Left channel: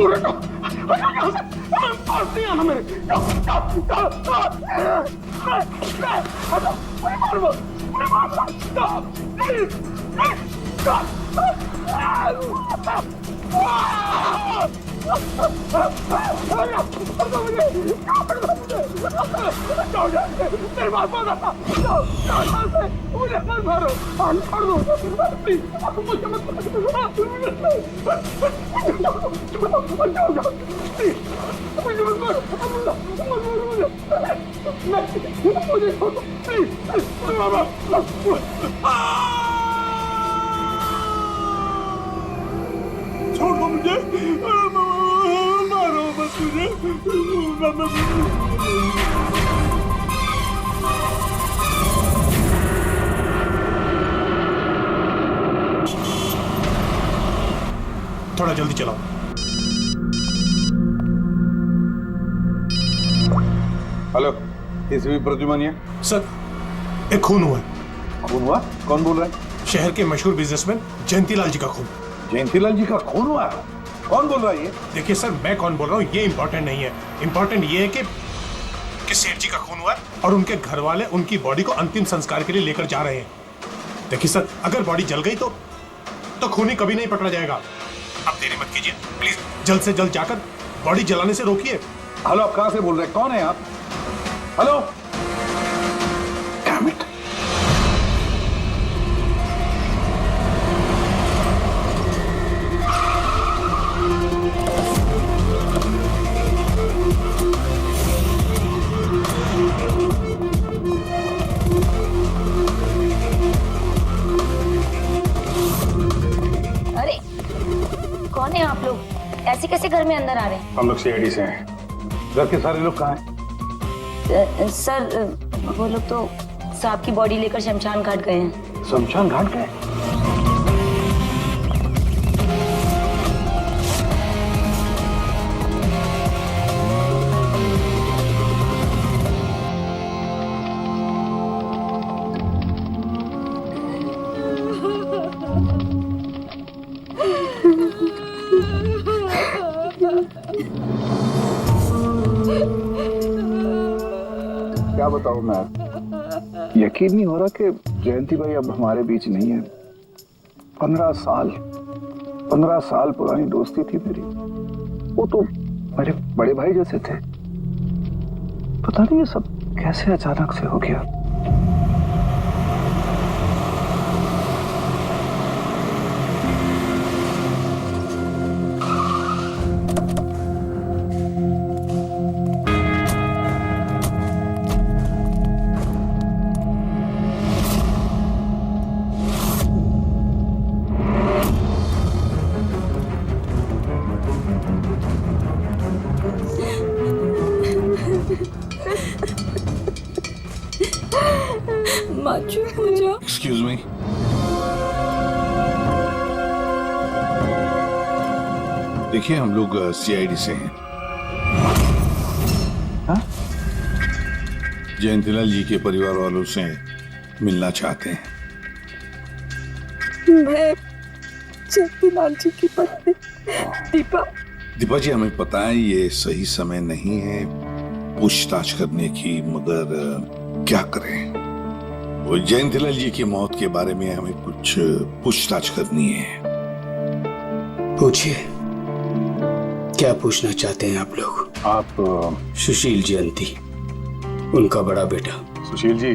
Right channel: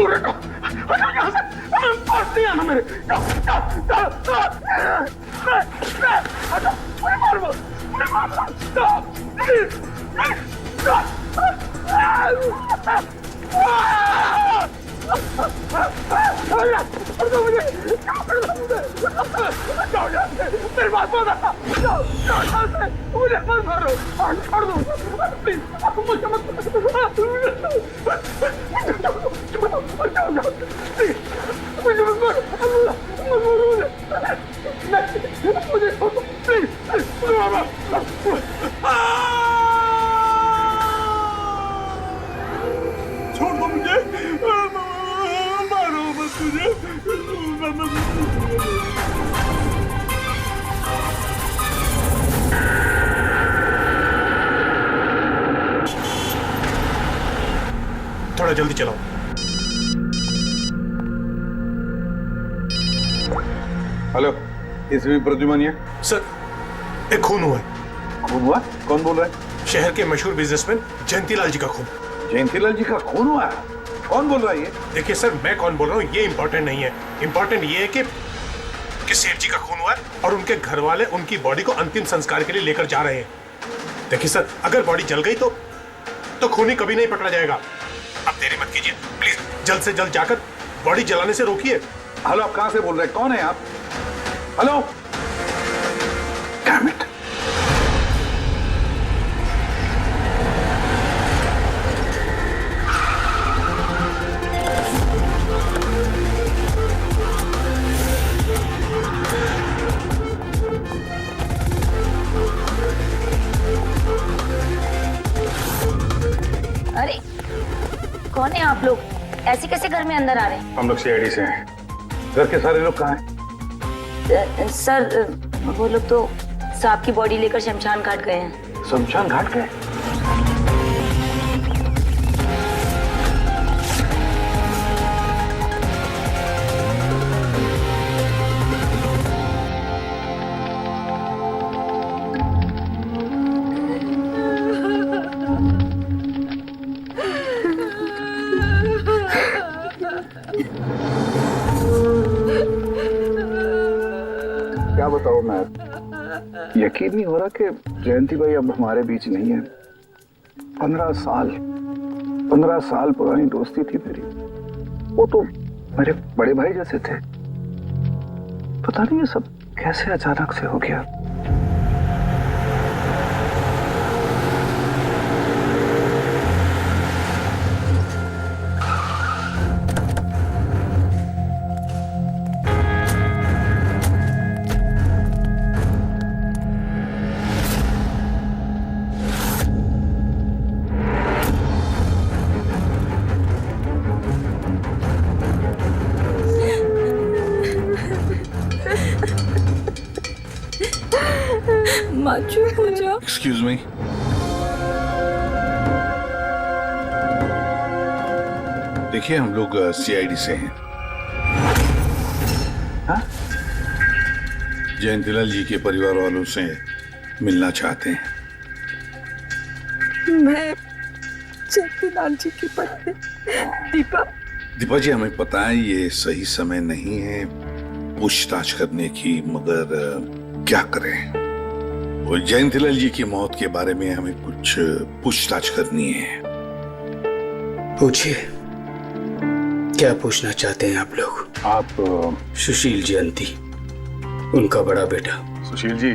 दूर हटो, हटो यहाँ से, पास नहीं आना मेरे। हटो, मुझे मार मत, प्लीज, मेरे पास मत आना, मुझे मत मारो, छोड़ दो प्लीज, मुझे मत मुझे मत मारो, मुझे छोड़ दो प्लीज, छोड़ दो मुझे, मारो मत मुझे। थोड़ा जल्दी चलाओ। हेलो, इसवी प्रद्युमन है सर, एक खून हुआ है। खून हुआ? कौन बोल रहा है? शहर के मशहूर बिजनेसमैन जयंतीलाल जी का खून। जयंतीलाल जी का खून हुआ है? कौन बोल रहा है ये? देखिए सर, मैं कौन बोल रहा हूँ ये इंपॉर्टेंट नहीं है। इंपॉर्टेंट ये है कि सेठ जी का खून हुआ है और उनके घर वाले उनकी बॉडी को अंतिम संस्कार के लिए लेकर जा रहे हैं। देखिए सर, अगर बॉडी जल गई तो खूनी कभी नहीं पकड़ा जाएगा। अब देरी मत कीजिए प्लीज, जल्द से जल्द जाकर बॉडी जलाने से रोकिए। हेलो, आप कहां से बोल रहे हैं? कौन है आप? Hello, damn it. अरे कौन है आप लोग? ऐसे कैसे घर में अंदर आ रहे हैं? हम लोग सीआईडी से हैं। घर के सारे लोग कहाँ हैं? सर वो लोग तो साहब की बॉडी लेकर शमशान घाट गए हैं। शमशान घाट गए? क्या बताऊं मैं, यकीन नहीं हो रहा कि जयंती भाई अब हमारे बीच नहीं है। 15 साल पुरानी दोस्ती थी मेरी। वो तो मेरे बड़े भाई जैसे थे। पता नहीं ये सब कैसे अचानक से हो गया। एक्सक्यूज मी, देखिए हम लोग सीआईडी से हैं। हाँ? जयंतीलाल जी के परिवार वालों से मिलना चाहते हैं। मैं जयंतीलाल जी की पत्नी दीपा। दीपा जी, हमें पता है ये सही समय नहीं है पूछताछ करने की, मगर क्या करें? वो जयंतीलाल जी की मौत के बारे में हमें कुछ पूछताछ करनी है। पूछिए, क्या पूछना चाहते हैं आप लोग? आप सुशील जयंती, उनका बड़ा बेटा। सुशील जी,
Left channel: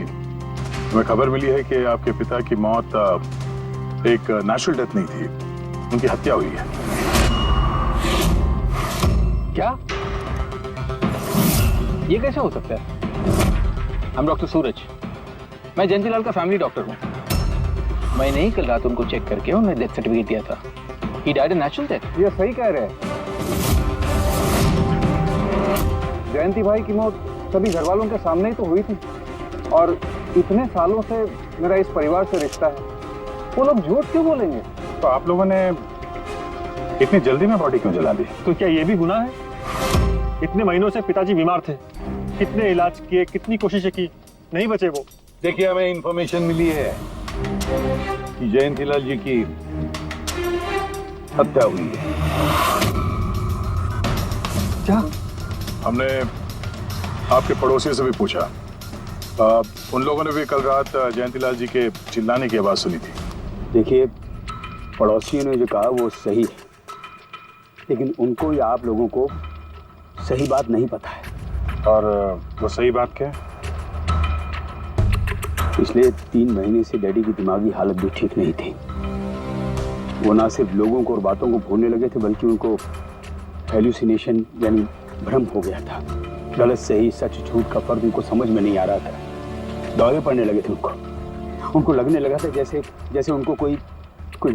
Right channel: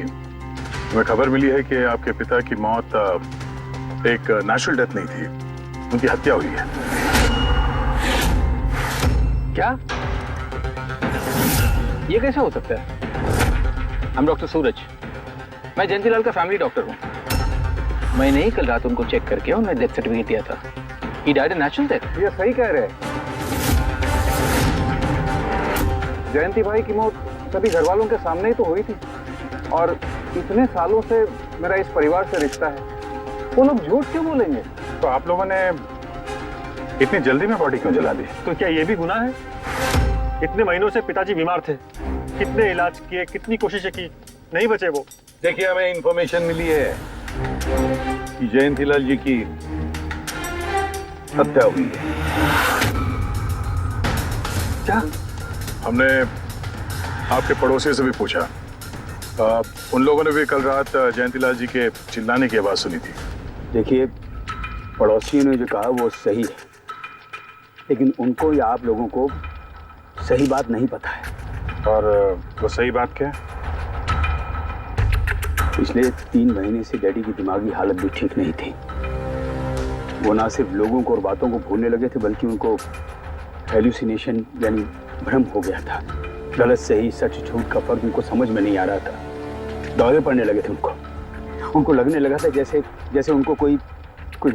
हमें खबर मिली है कि आपके पिता की मौत एक नेचुरल डेथ नहीं थी, उनकी हत्या हुई है। क्या? ये कैसे हो सकता है? I'm डॉक्टर सूरज, मैं जयंतीलाल का फैमिली डॉक्टर हूँ। मैंने ही कल रात उनको चेक करके उन्हें डेथ सर्टिफिकेट दिया था। He died a natural death। ये सही कह रहे हैं। जयंती भाई की मौत सभी घर वालों के सामने ही तो हुई थी, और इतने सालों से मेरा इस परिवार से रिश्ता है। वो लोग झूठ क्यों बोलेंगे? तो आप लोगों ने इतनी जल्दी में बॉडी क्यों जला दी? तो क्या ये भी गुनाह है? इतने महीनों से पिताजी बीमार थे, कितने इलाज किए, कितनी कोशिशें की, नहीं बचे वो। देखिए, हमें इंफॉर्मेशन मिली है कि जयंतीलाल जी की हत्या हुई है। क्या? हमने आपके पड़ोसी से भी पूछा, उन लोगों ने भी कल रात जयंतीलाल जी के चिल्लाने की आवाज सुनी थी। देखिए, पड़ोसियों ने जो कहा वो सही है, लेकिन उनको या आप लोगों को सही बात नहीं पता है। और वो सही बात क्या है? पिछले 3 महीने से डैडी की दिमागी हालत भी ठीक नहीं थी। वो ना सिर्फ लोगों को और बातों को भूलने लगे थे, बल्कि उनको हेलुसिनेशन यानी भ्रम हो गया था। गलत सही, सच झूठ का फर्क उनको समझ में नहीं आ रहा था। दौरे पड़ने लगे थे उनको लगने लगा था जैसे उनको कोई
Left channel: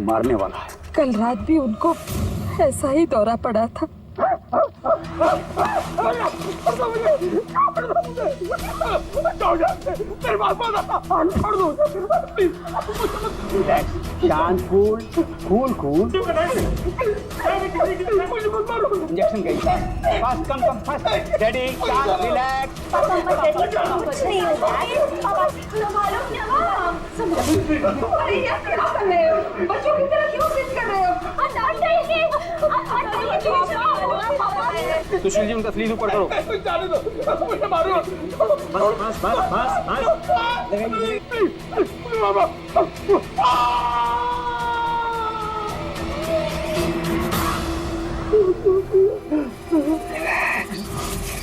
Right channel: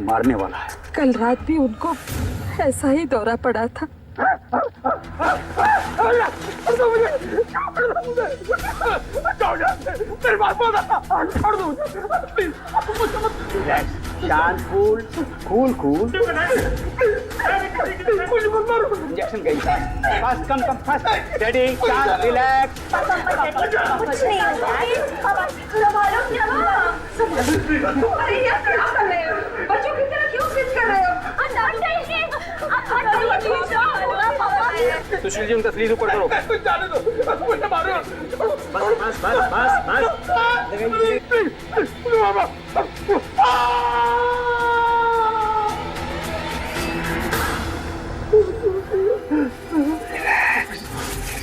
मारने वाला है। कल रात भी उनको ऐसा ही दौरा पड़ा था। शांत, कूल। इंजेक्शन गई। फास्ट, कम, फास्ट। डैडी, शांत, रिलैक्स। कुछ नहीं होगा। बच्चों की तरह क्यों जिद कर रहे हो? सुशील जी, उनका स्लीव ऊपर करो। जाने दो, मुझे मारो। बस।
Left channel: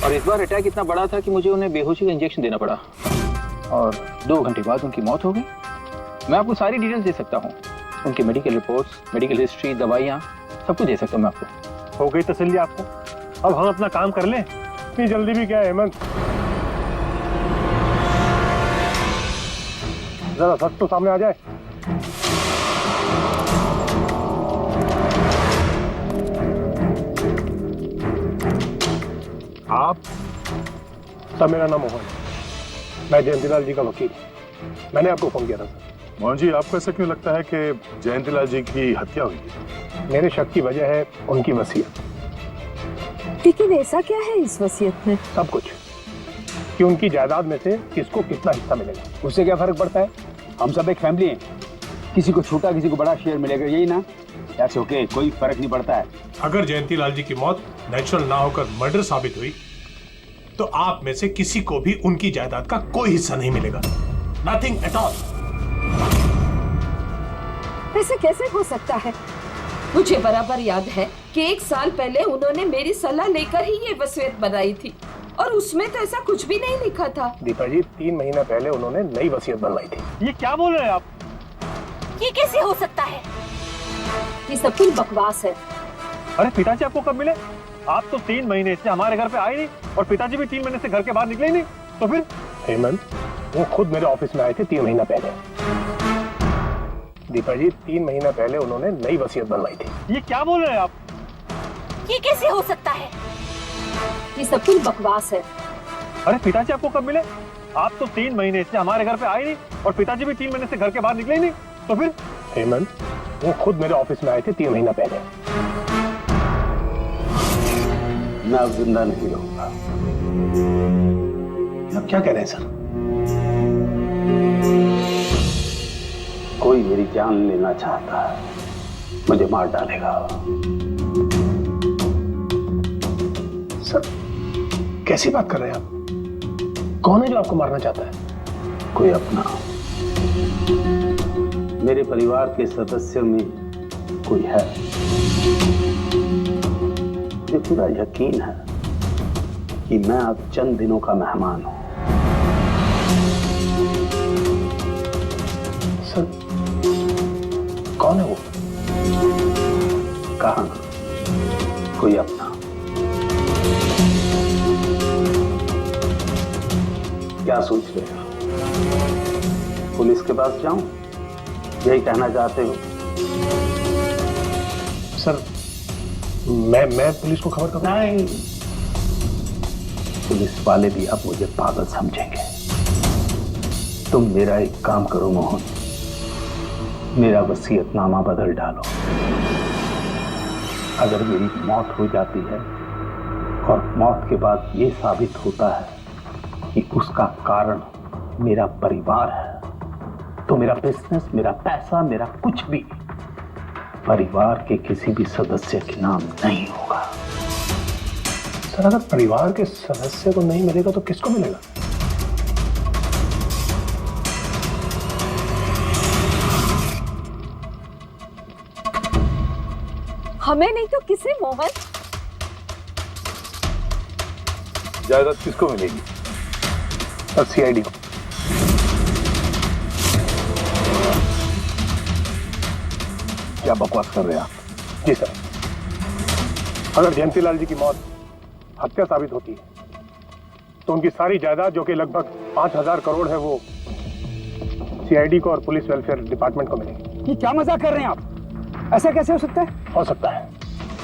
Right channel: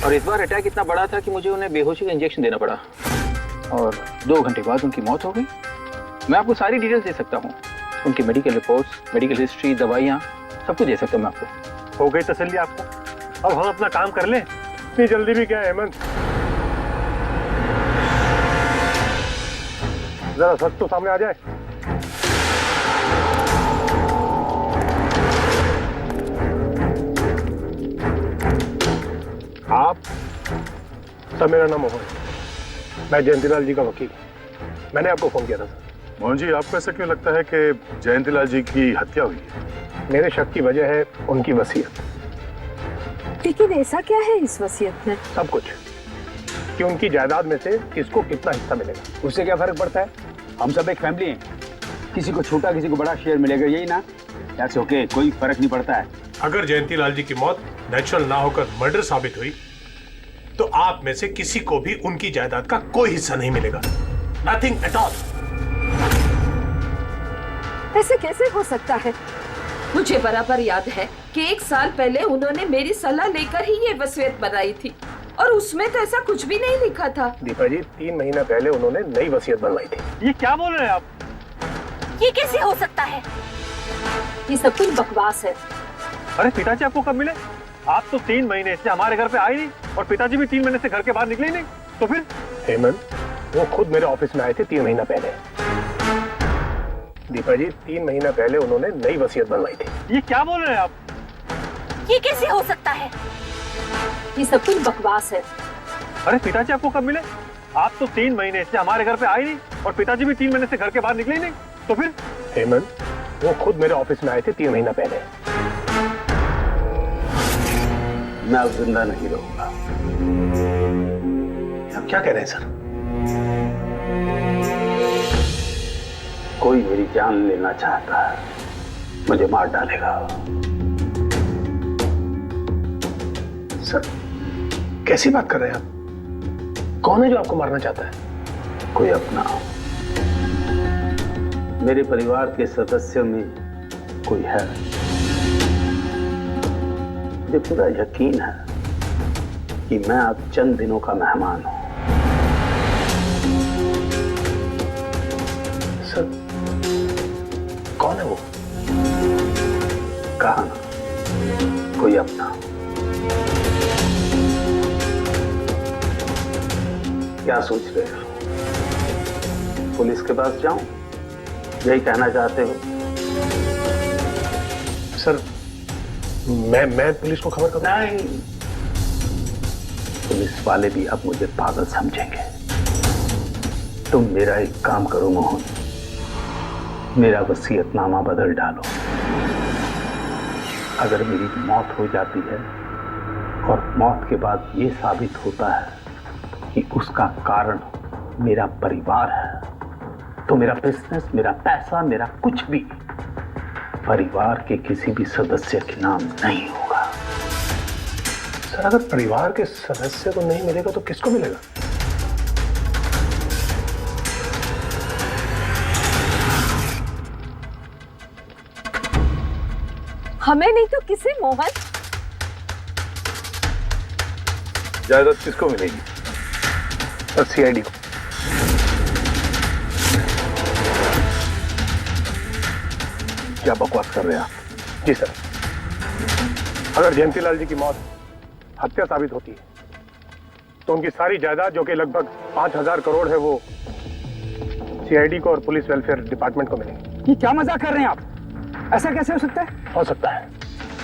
और इस बार अटैक इतना बड़ा था कि मुझे उन्हें बेहोशी का इंजेक्शन देना पड़ा, और 2 घंटे बाद उनकी मौत हो गई। मैं आपको सारी डिटेल्स दे सकता हूँ, उनकी मेडिकल रिपोर्ट्स, मेडिकल हिस्ट्री, दवाइयाँ, सब कुछ दे सकता हूँ मैं आपको। हो गई तसल्ली आपको? अब हम अपना काम कर लें। इतनी जल्दी भी क्या है हेमंत? जरा सच तो सामने आ जाए। आप सर, मेरा नाम मोहन है, मैं जयंतीलाल जी का वकील। मैंने आपको फोन किया था सर। मोहन जी, आपको ऐसा क्यों लगता है कि जयंतीलाल जी की हत्या हुई है? मेरे शक की वजह है उनकी वसीयत। लेकिन ऐसा क्या है इस वसीयत में? सब कुछ, कि उनकी जायदाद में से किसको कितना हिस्सा मिलेगा। उससे क्या फर्क पड़ता है? हम सब एक फैमिली हैं, किसी को छोटा किसी को बड़ा शेयर मिलेगा, यही ना? दैट्स ओके, कोई फर्क नहीं पड़ता है। अगर जयंतीलाल जी की मौत नेचुरल ना होकर मर्डर साबित हुई तो आप में से किसी को भी उनकी जायदाद का कोई हिस्सा नहीं मिलेगा। Nothing at all. ऐसे कैसे हो सकता है? मुझे बराबर याद है कि 1 साल पहले उन्होंने मेरी सलाह लेकर ही ये वसीयत बनाई थी, और उसमें तो ऐसा कुछ भी नहीं लिखा था। दीपा जी, 3 महीना पहले उन्होंने नई वसीयत बनवाई थी। ये क्या बोल रहे हैं आप? ये कैसे हो सकता है? ये सब कुछ बकवास है। अरे पिताजी आपको कब मिले? आप तो 3 महीने से हमारे घर पे आए नहीं, और पिताजी भी 3 महीने से घर के बाहर निकले ही नहीं। तो फिर? हेमंत, वो खुद मेरे ऑफिस में आए थे 3 महीना पहले। दीपा जी, 3 महीना पहले उन्होंने नई वसीयत बनवाई थी। ये क्या बोल रहे हैं आप? ये कैसे हो सकता है? ये सब कुछ बकवास है। अरे पिताजी आपको कब मिले? आप तो 3 महीने से हमारे घर पे आए नहीं, और पिताजी भी 3 महीने से घर के बाहर निकले ही नहीं। तो फिर? हेमंत, वो खुद मेरे ऑफिस में आए थे 3 महीना पहले। मैं अब जिंदा नहीं रहूंगा। आप क्या कह रहे हैं सर? कोई मेरी जान लेना चाहता है, मुझे मार डालेगा। सर, कैसी बात कर रहे हैं आप? कौन है जो आपको मारना चाहता है? कोई अपना, मेरे परिवार के सदस्यों में कोई है। मुझे पूरा यकीन है कि मैं अब चंद दिनों का मेहमान हूं। सर, कौन है वो? कहा ना, कोई अपना। क्या सोच रहे हो? पुलिस के पास जाऊं? यही कहना चाहते हो? सर, मैं पुलिस को खबर करूं? नहीं, पुलिस वाले भी अब मुझे पागल समझेंगे। तुम मेरा एक काम करो मोहन, मेरा वसीयतनामा बदल डालो। अगर मेरी मौत हो जाती है और मौत के बाद ये साबित होता है कि उसका कारण मेरा परिवार है, तो मेरा बिजनेस, मेरा पैसा, मेरा कुछ भी परिवार के किसी भी सदस्य के नाम नहीं होगा। सर अगर परिवार के सदस्य को नहीं मिलेगा तो किसको मिलेगा? हमें नहीं तो किसे मोहन? जायदाद किसको मिलेगी? सर सीआईडी को। क्या बकवास कर रहे हैं आप? जी सर, अगर जयंतीलाल जी की मौत हत्या साबित होती है तो उनकी सारी जायदाद जो कि लगभग 5,000 करोड़ है वो सीआईडी को और पुलिस वेलफेयर डिपार्टमेंट को मिलेगी। ये क्या मजाक कर रहे हैं आप? ऐसा कैसे हो सकता है? हो सकता है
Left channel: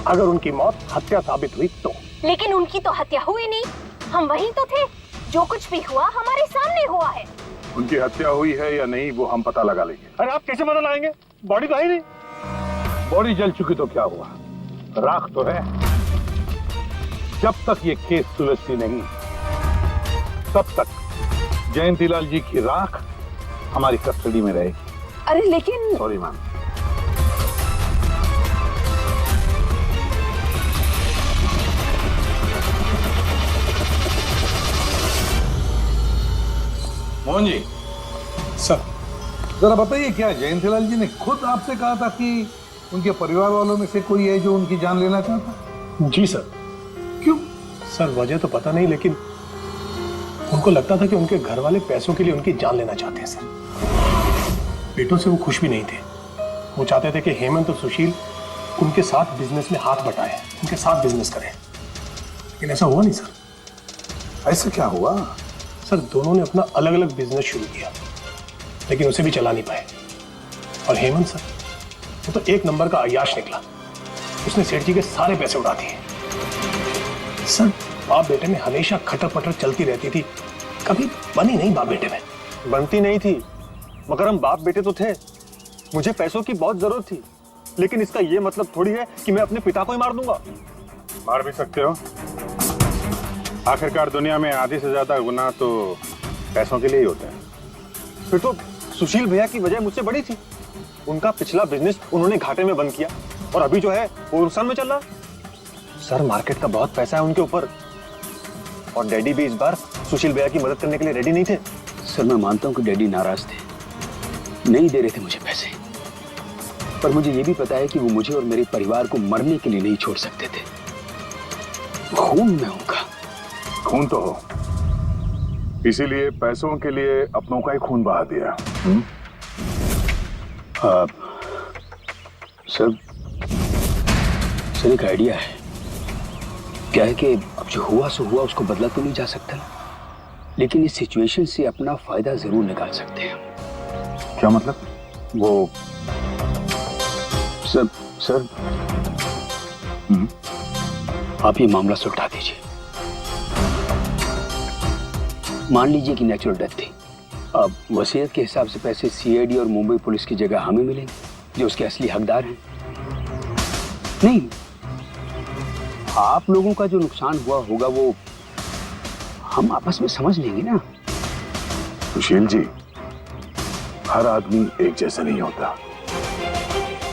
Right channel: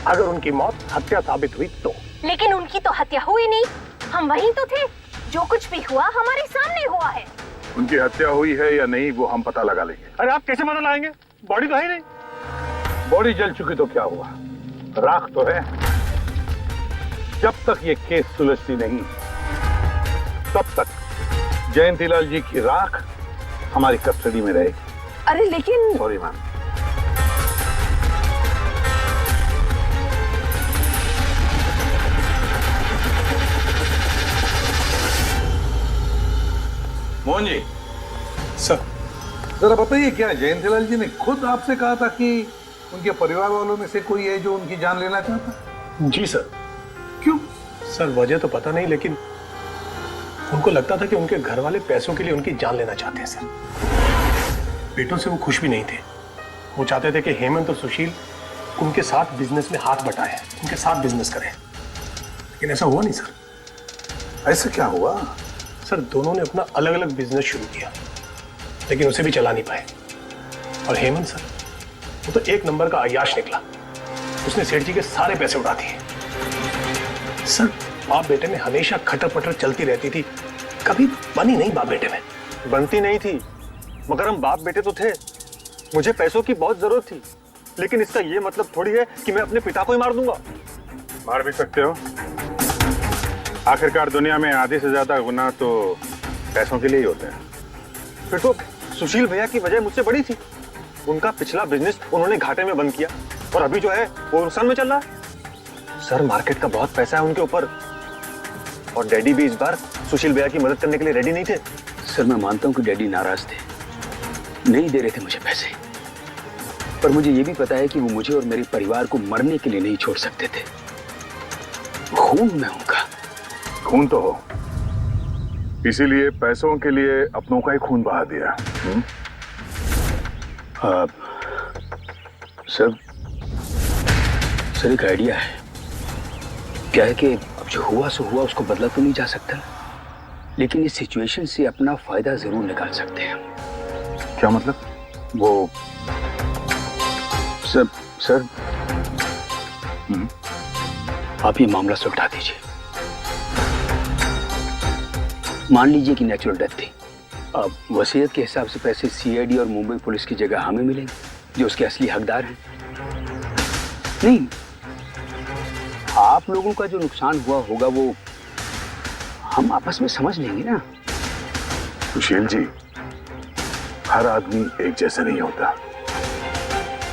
अगर उनकी मौत हत्या साबित हुई तो। लेकिन उनकी तो हत्या हुई नहीं, हम वहीं तो थे। जो कुछ भी हुआ हमारे सामने हुआ है। उनकी हत्या हुई है या नहीं वो हम पता लगा लेंगे। अरे आप कैसे पता लगाएंगे? बॉडी तो है ही नहीं। बॉडी जल चुकी तो क्या हुआ, राख तो है। जब तक ये केस सुलझती नहीं तब तक जयंतीलाल जी की राख हमारी कस्टडी में रहेगी। अरे लेकिन sorry ma'am. Mohan ji, sir जरा बताइए, क्या जयंतीलाल जी ने खुद आपसे कहा था कि उनके परिवार वालों में से कोई है जो उनकी जान लेना चाहता है? जी सर। क्यों? सर वजह तो पता नहीं, लेकिन उनको लगता था कि उनके घर वाले पैसों के लिए उनकी जान लेना चाहते हैं सर। बेटों से वो खुश भी नहीं थे। वो चाहते थे कि हेमंत और सुशील उनके साथ बिजनेस में हाथ बटाएं, उनके साथ बिजनेस करें, लेकिन ऐसा हुआ नहीं सर। ऐसा क्या हुआ? सर दोनों ने अपना अलग अलग बिजनेस शुरू किया, लेकिन उसे भी चला नहीं पाए। और हेमंत सर, वो तो एक नंबर का अय्याश निकला। उसने सेठ जी के सारे पैसे उड़ा दिए। सर बाप बेटे में हमेशा खटर पटर चलती रहती थी, कभी बनी नहीं बाप बेटे में। बनती नहीं थी, मगर हम बाप बेटे तो थे। मुझे पैसों की बहुत जरूरत थी, लेकिन इसका ये मतलब थोड़ी है कि मैं अपने पिता को ही मार दूंगा। मार भी सकते हो। आखिरकार दुनिया में आधे से ज्यादा गुनाह तो पैसों के लिए ही होते हैं। फिर तो सुशील भैया की वजह मुझसे बड़ी थी। उनका पिछला बिजनेस उन्होंने घाटे में बंद किया और अभी जो है वो नुकसान में चल रहा है। सर मार्केट का बहुत पैसा है उनके ऊपर, और डैडी भी इस बार सुशील भैया की मदद करने के लिए रेडी नहीं थे। सर मैं मानता हूं कि डैडी नाराज थे, नहीं दे रहे थे मुझे पैसे, पर मुझे ये भी पता है कि वो मुझे और मेरे परिवार को मरने के लिए नहीं छोड़ सकते थे। खून में उनका। खून तो हो, इसीलिए पैसों के लिए अपनों का ही खून बहा दिया। सर एक आइडिया है। क्या है कि अब जो हुआ सो हुआ, उसको बदला तो नहीं जा सकता ना, लेकिन इस सिचुएशन से अपना फायदा जरूर निकाल सकते हैं। क्या मतलब? वो सर आप ये मामला सुलझा दीजिए। मान लीजिए कि नेचुरल डेथ थी। अब वसीयत के हिसाब से पैसे सीआईडी और मुंबई पुलिस की जगह हमें मिलेंगे, जो उसके असली हकदार हैं। नहीं, आप लोगों का जो नुकसान हुआ होगा वो हम आपस में समझ लेंगे ना। सुशील जी, हर आदमी एक जैसा नहीं होता,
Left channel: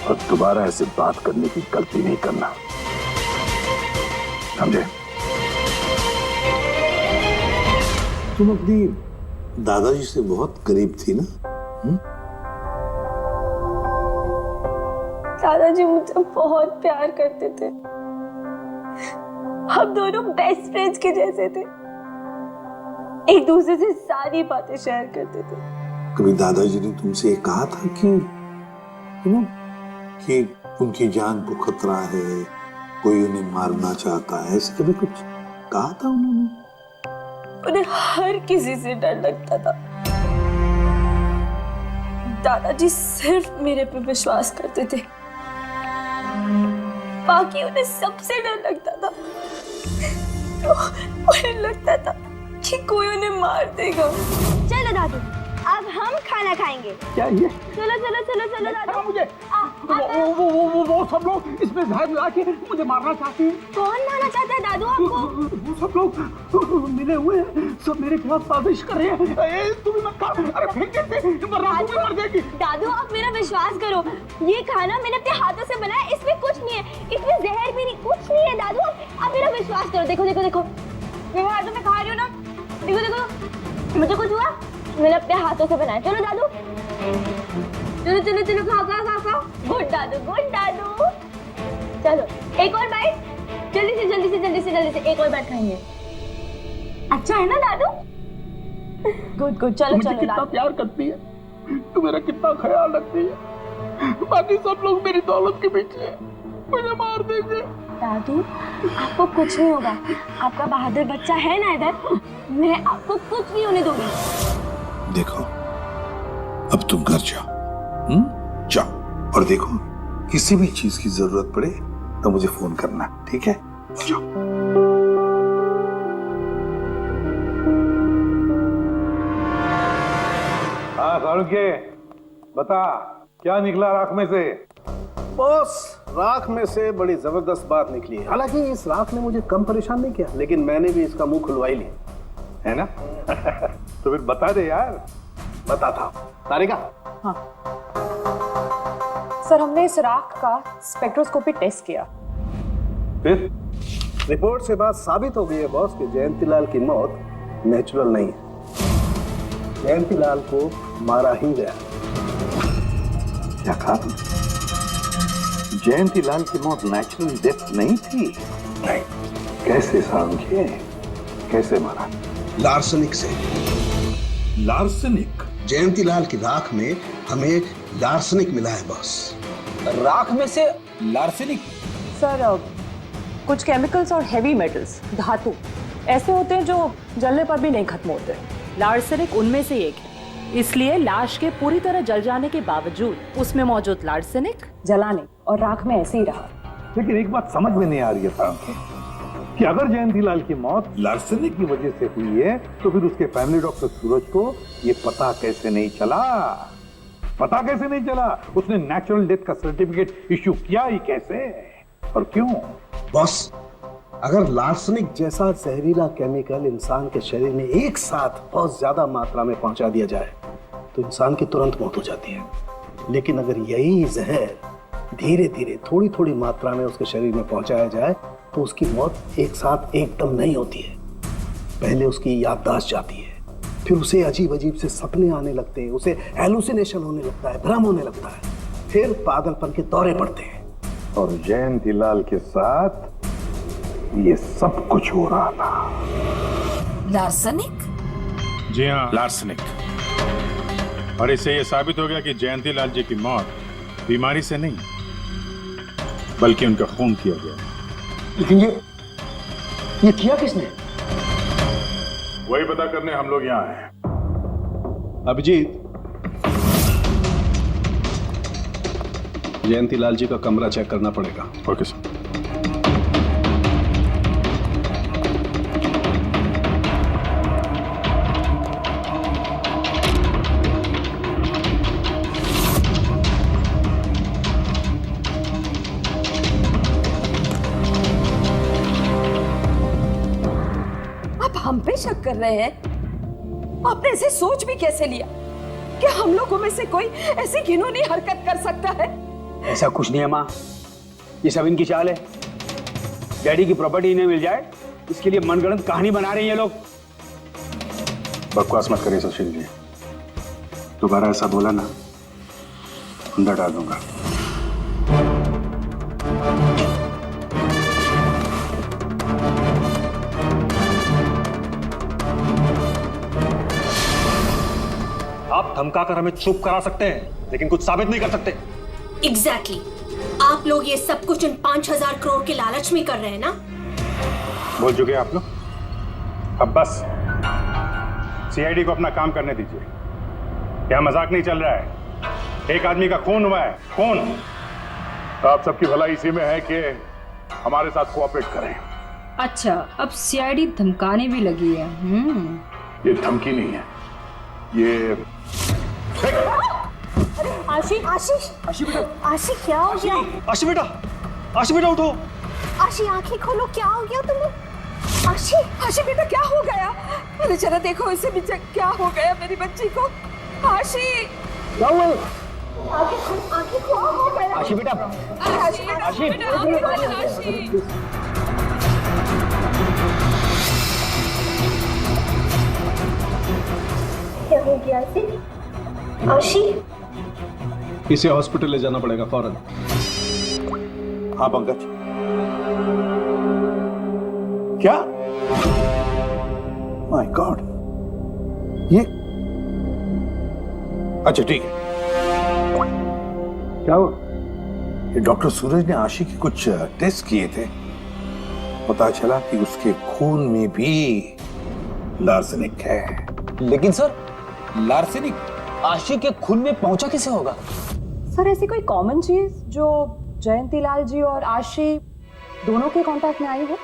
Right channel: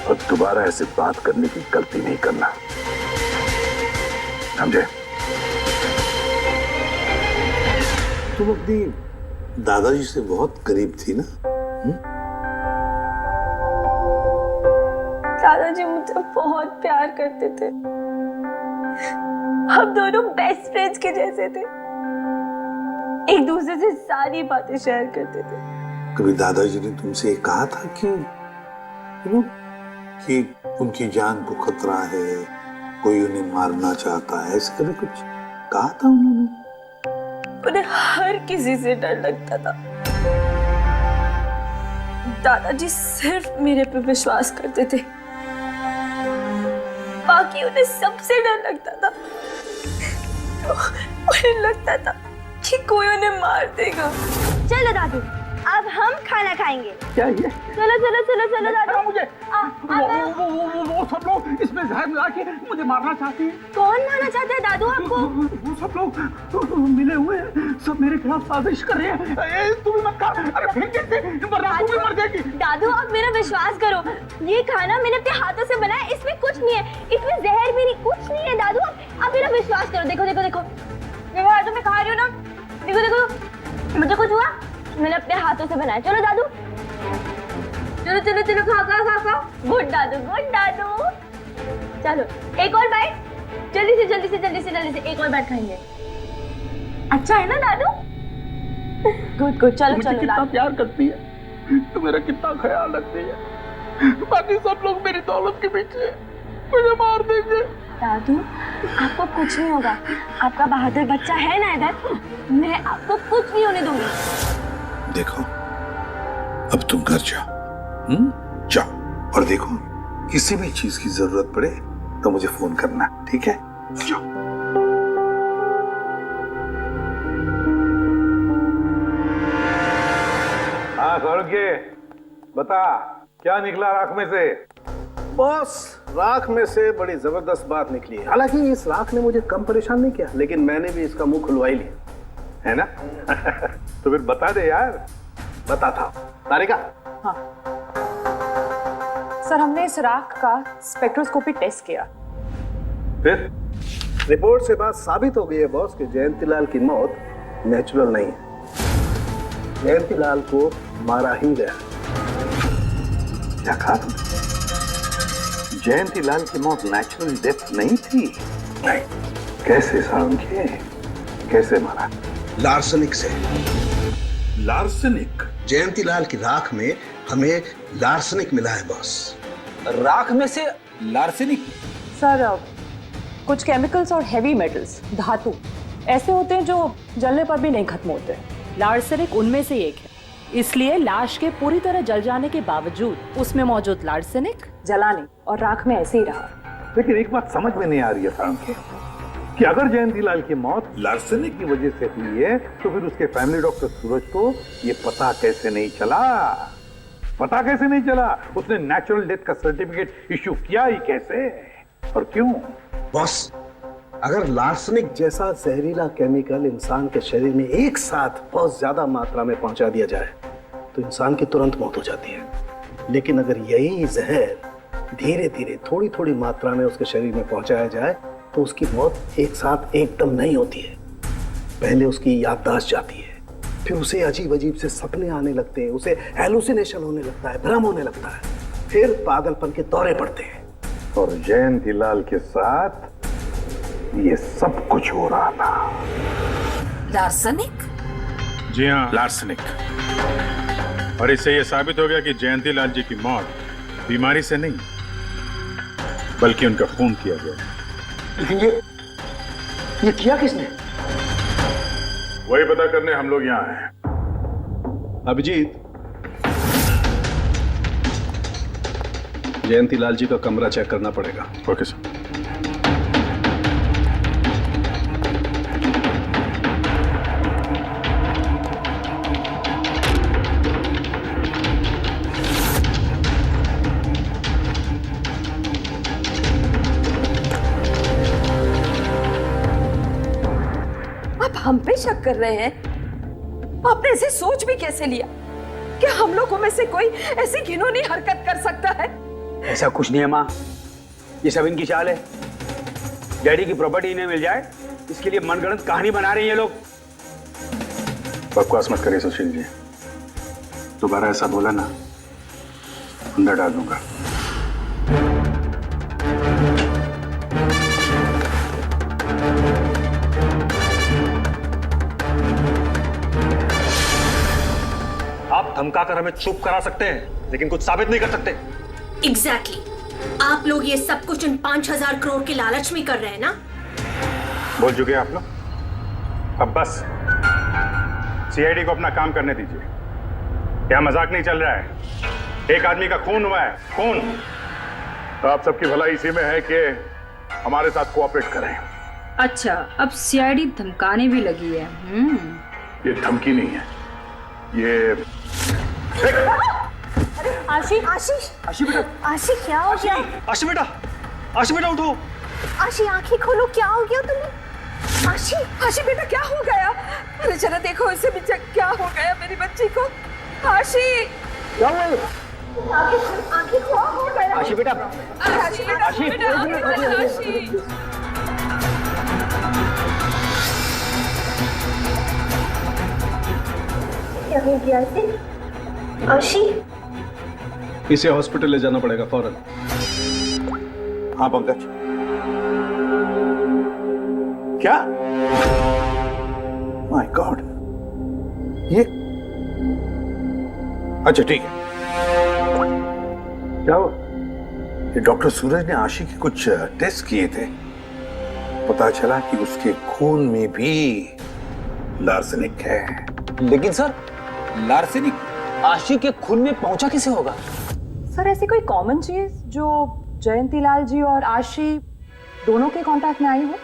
और दोबारा ऐसे बात करने की गलती नहीं करना, समझे? तुम अपनी दादाजी से बहुत करीब थी ना? दादाजी मुझे बहुत प्यार करते थे। हम दोनों बेस्ट फ्रेंड्स के जैसे थे, एक दूसरे से सारी बातें शेयर करते थे। कभी दादाजी ने तुमसे ये कहा था कि उनकी जान को खतरा है, कोई उन्हें मारना चाहता है, ऐसे कभी कुछ कहा था उन्होंने? उन्हें हर किसी से डर लगता था। दादाजी सिर्फ मेरे पे विश्वास करते थे, बाकी उन्हें सबसे डर लगता था। तो उन्हें लगता था कि कोई उन्हें मार देगा। चलो दादू, अब हम खाना खाएंगे। क्या ये? चलो चलो चलो चलो दादू। मुझे वो सब लोग इसमें जहर मिला के मुझे मारना चाहते हैं। कौन मारना चाहता है दादू आपको? वो सब लोग मिले हुए हैं, सब मेरे खिलाफ साजिश कर रहे हैं। तुम मत खा, अरे फेंक देते, वरना तू भी मर जाएगी। दादू आप मेरा विश्वास करो, ये खाना मैंने अपने हाथों से बनाया, इसमें कुछ नहीं है, इसमें जहर भी नहीं, कुछ नहीं है दादू। आप मेरा विश्वास करो। देखो देखो देखो, मेरे हाथों में खा रही हूँ ना, देखो देखो, मुझे कुछ हुआ, मैंने अपने हाथों से बनाया। चलो दादू, चलो चलो चलो, खा खा खा खा। गुड दादू, गुड दादू। चलो एक और बाइट, जल्दी से जल्दी से जल्दी से जल्दी से एक और बाइट खाएंगे। अच्छा है ना दादू? गुड गुड, चलो मुझे चलो। कितना प्यार करती है, तू मेरा कितना ख्याल रखती है, बाकी सब लोग मेरी दौलत के पीछे मुझे मार देंगे। दादू आपको कुछ नहीं होगा, आपका बहादुर बच्चा है ना इधर, मैं आपको कुछ नहीं होने दूंगी। देखो, अब तुम घर जाओ, जाओ, और देखो किसी भी चीज की जरूरत पड़े तो मुझे फोन करना, ठीक है? जाओ। हाँ सारुके, बता क्या निकला राख में से? बॉस, राख में से बड़ी जबरदस्त बात निकली है। हालांकि इस राख ने मुझे कम परेशान नहीं किया, लेकिन मैंने भी इसका मुंह खुलवा ही लिया, है ना? तो फिर बता दे यार। बताता तारिका। हाँ सर, हमने इस राख का स्पेक्ट्रोस्कोपी टेस्ट किया, फिर रिपोर्ट से बात साबित हो गई है बॉस कि जयंतीलाल की मौत नेचुरल नहीं है, जयंतीलाल को मारा ही गया। क्या कहा तुमने? जयंतीलाल की मौत नेचुरल डेथ नहीं थी? नहीं। कैसे सारुके, कैसे मारा? लार्सनिक से। लार्सनिक? जयंतीलाल की राख में हमें लार्सनिक मिला है बॉस। राख में से लार्सनिक? सर कुछ केमिकल्स और हेवी मेटल्स, धातु ऐसे होते हैं जो जलने पर भी नहीं खत्म होते। लार्सनिक उनमें से एक है, इसलिए लाश के पूरी तरह जल जाने के बावजूद उसमें मौजूद लार्सनिक जलाने और राख में ऐसे ही रहा। लेकिन एक बात समझ में नहीं आ रही है सारुके, कि अगर जयंतीलाल की मौत लार्सनिक की वजह से हुई है तो फिर उसके फैमिली डॉक्टर सूरज को ये पता कैसे नहीं चला? पता कैसे नहीं चला? उसने नेचुरल डेथ का सर्टिफिकेट इश्यू किया ही कैसे और क्यों? बॉस, अगर लार्सनिक जैसा जहरीला केमिकल इंसान के शरीर में एक साथ बहुत ज्यादा मात्रा में पहुंचा दिया जाए तो इंसान की तुरंत मौत हो जाती है, लेकिन अगर यही जहर धीरे धीरे थोड़ी थोड़ी मात्रा में उसके शरीर में पहुंचाया जाए तो उसकी मौत एक साथ एकदम नहीं होती है। पहले उसकी याददाश्त जाती है, फिर उसे अजीब अजीब से सपने आने लगते हैं, उसे हेलुसिनेशन होने लगता है, भ्रम होने लगता है, फिर पागलपन के दौरे पड़ते हैं। और जयंतीलाल के साथ ये सब कुछ हो रहा था। लार्सनिक? जी हाँ, लार्सनिक। और इससे यह साबित हो गया कि जयंतीलाल जी की मौत बीमारी से नहीं बल्कि उनका खून किया गया। लेकिन ये किया किसने? वही पता करने हम लोग यहाँ हैं। अभिजीत, जयंतीलाल जी का कमरा चेक करना पड़ेगा। Okay sir. हम पे शक कर रहे हैं? आपने ऐसे सोच भी कैसे लिया कि हम लोगों में से कोई ऐसी घिनौनी हरकत कर सकता है? ऐसा कुछ नहीं है माँ, ये सब इनकी चाल है। डैडी की प्रॉपर्टी इन्हें मिल जाए इसके लिए मनगढ़ंत कहानी बना रहे हैं ये लोग। बकवास मत करिए सुशील जी, दोबारा ऐसा बोला ना अंदर डाल दूंगा। आप धमकाकर हमें चुप करा सकते हैं लेकिन कुछ साबित नहीं कर सकते। एग्जैक्टली आप लोग ये सब कुछ इन 5,000 करोड़ के लालच में कर रहे हैं ना? बोल चुके आप लोग, अब बस सीआईडी को अपना काम करने दीजिए। क्या मजाक नहीं चल रहा है? एक आदमी का खून हुआ है, खून। आप सबकी भलाई इसी में है कि हमारे साथ कोऑपरेट करें। अच्छा, अब सीआईडी धमकाने भी लगी है। ये धमकी नहीं है, ये आशी आशीष आशी बेटा, आशी क्या हो गया? आशी बेटा, आशी बेटा उठो। आशी आंखें खोलो, क्या हो गया तुम्हें? आशी आशी बेटा क्या हो गया? अरे जरा देखो इसे भी क्या हो गया मेरी बच्ची को। आशी क्या हुआ? आंखें खोलो हो गया। आशी बेटा, आशी बेटा, आशी। आशी क्या हो गया इसे? आशी इसे हॉस्पिटल ले जाना पड़ेगा फौरन। हाँ पंकज। क्या? माय गॉड, ये अच्छा ठीक है। क्या हुआ? ये डॉक्टर सूरज ने आशी के कुछ टेस्ट किए थे, पता चला कि उसके खून में भी लार्सेनिक है। लेकिन सर, लार्सेनिक आशी के खून में पहुंचा कैसे होगा? सर ऐसी कोई कॉमन चीज जो जयंती लाल जी और आशी दोनों के कांटेक्ट में आई हो?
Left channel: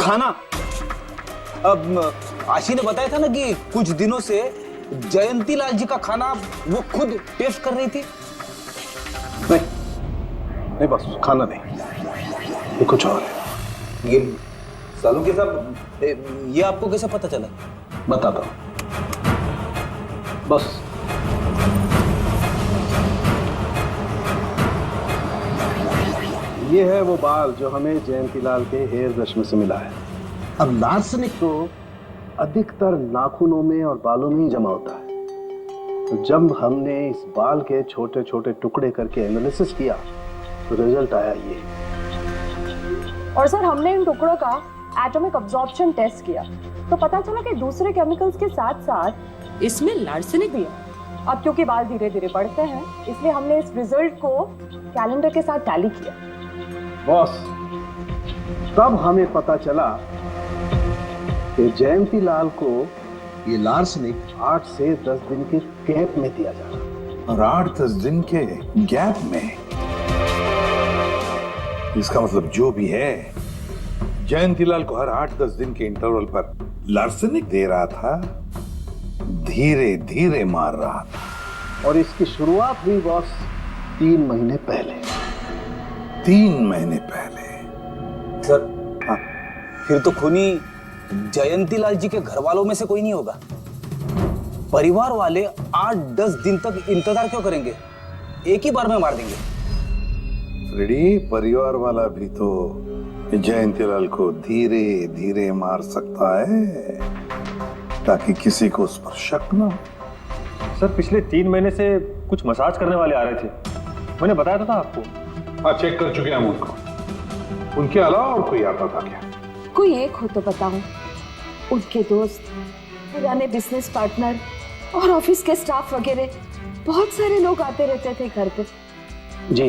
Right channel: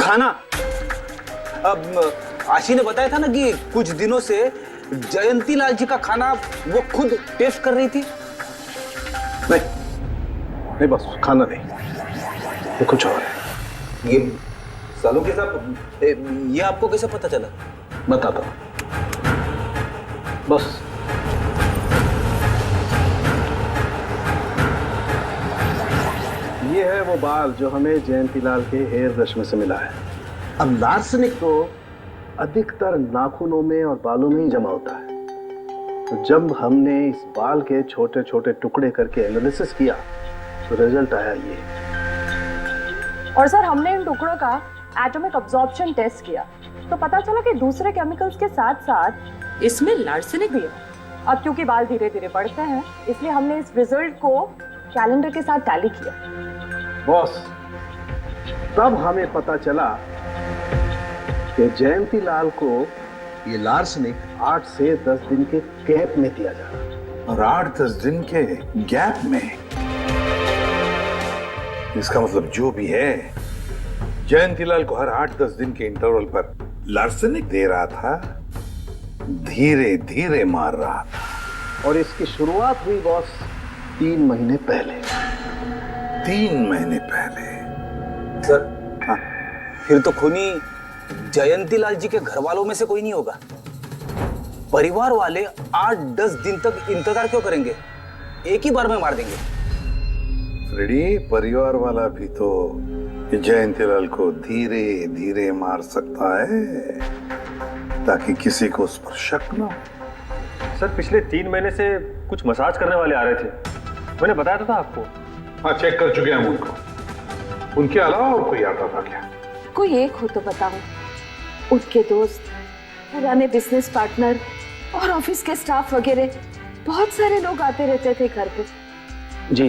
खाना। अब आशी ने बताया था ना कि कुछ दिनों से जयंती लाल जी का खाना वो खुद टेस्ट कर रही थी। नहीं बस खाना नहीं, ये कुछ और है। ये सालों के साहब, ये आपको कैसे पता चला? बताता हूं, बस ये है वो बाल जो हमें जयंतीलाल के हेयर ब्रश में से मिला है। अब लार्सेनिक तो अधिकतर नाखूनों में और बालों में ही जमा होता है, तो जब हमने इस बाल के छोटे छोटे टुकड़े करके एनालिसिस किया तो रिजल्ट आया ये। और सर हमने इन टुकड़ों का एटॉमिक अब्जॉर्प्शन टेस्ट किया तो पता चला कि दूसरे केमिकल्स के साथ साथ इसमें लार्सेनिक भी है। अब क्योंकि बाल धीरे धीरे बढ़ते हैं इसलिए हमने इस रिजल्ट को कैलेंडर के साथ टैली किया। बॉस, तब हमें पता चला कि जयंतीलाल को ये लार्सेनिक 8 से 10 दिन के गैप में दिया जा रहा है। और 8-10 दिन के गैप में? इसका मतलब जो भी है, जयंतीलाल को हर 8-10 दिन के इंटरवल पर लार्सेनिक दे रहा था, धीरे धीरे मार रहा था। और इसकी शुरुआत हुई बॉस 3 महीने पहले। 3 महीने पहले? सर हाँ, फिर तो खूनी जयंतीलाल जी के घर वालों में से कोई नहीं होगा। परिवार वाले 8-10 दिन तक इंतजार क्यों करेंगे? एक ही बार में मार देंगे। फ्रेडी, परिवार वाला भी तो जयंतीलाल को धीरे धीरे मार सकता है ताकि किसी को उस पर शक ना हो। सर पिछले 3 महीने से कुछ मसाज करने वाले आ रहे थे, मैंने बताया था आपको। हाँ, चेक कर चुके हैं हम उनको। उनके अलावा और कोई आता था क्या? कोई एक हो तो बताऊं। उनके दोस्त, पुराने बिजनेस पार्टनर और ऑफिस के स्टाफ वगैरह बहुत सारे लोग आते रहते थे घर पे। जी,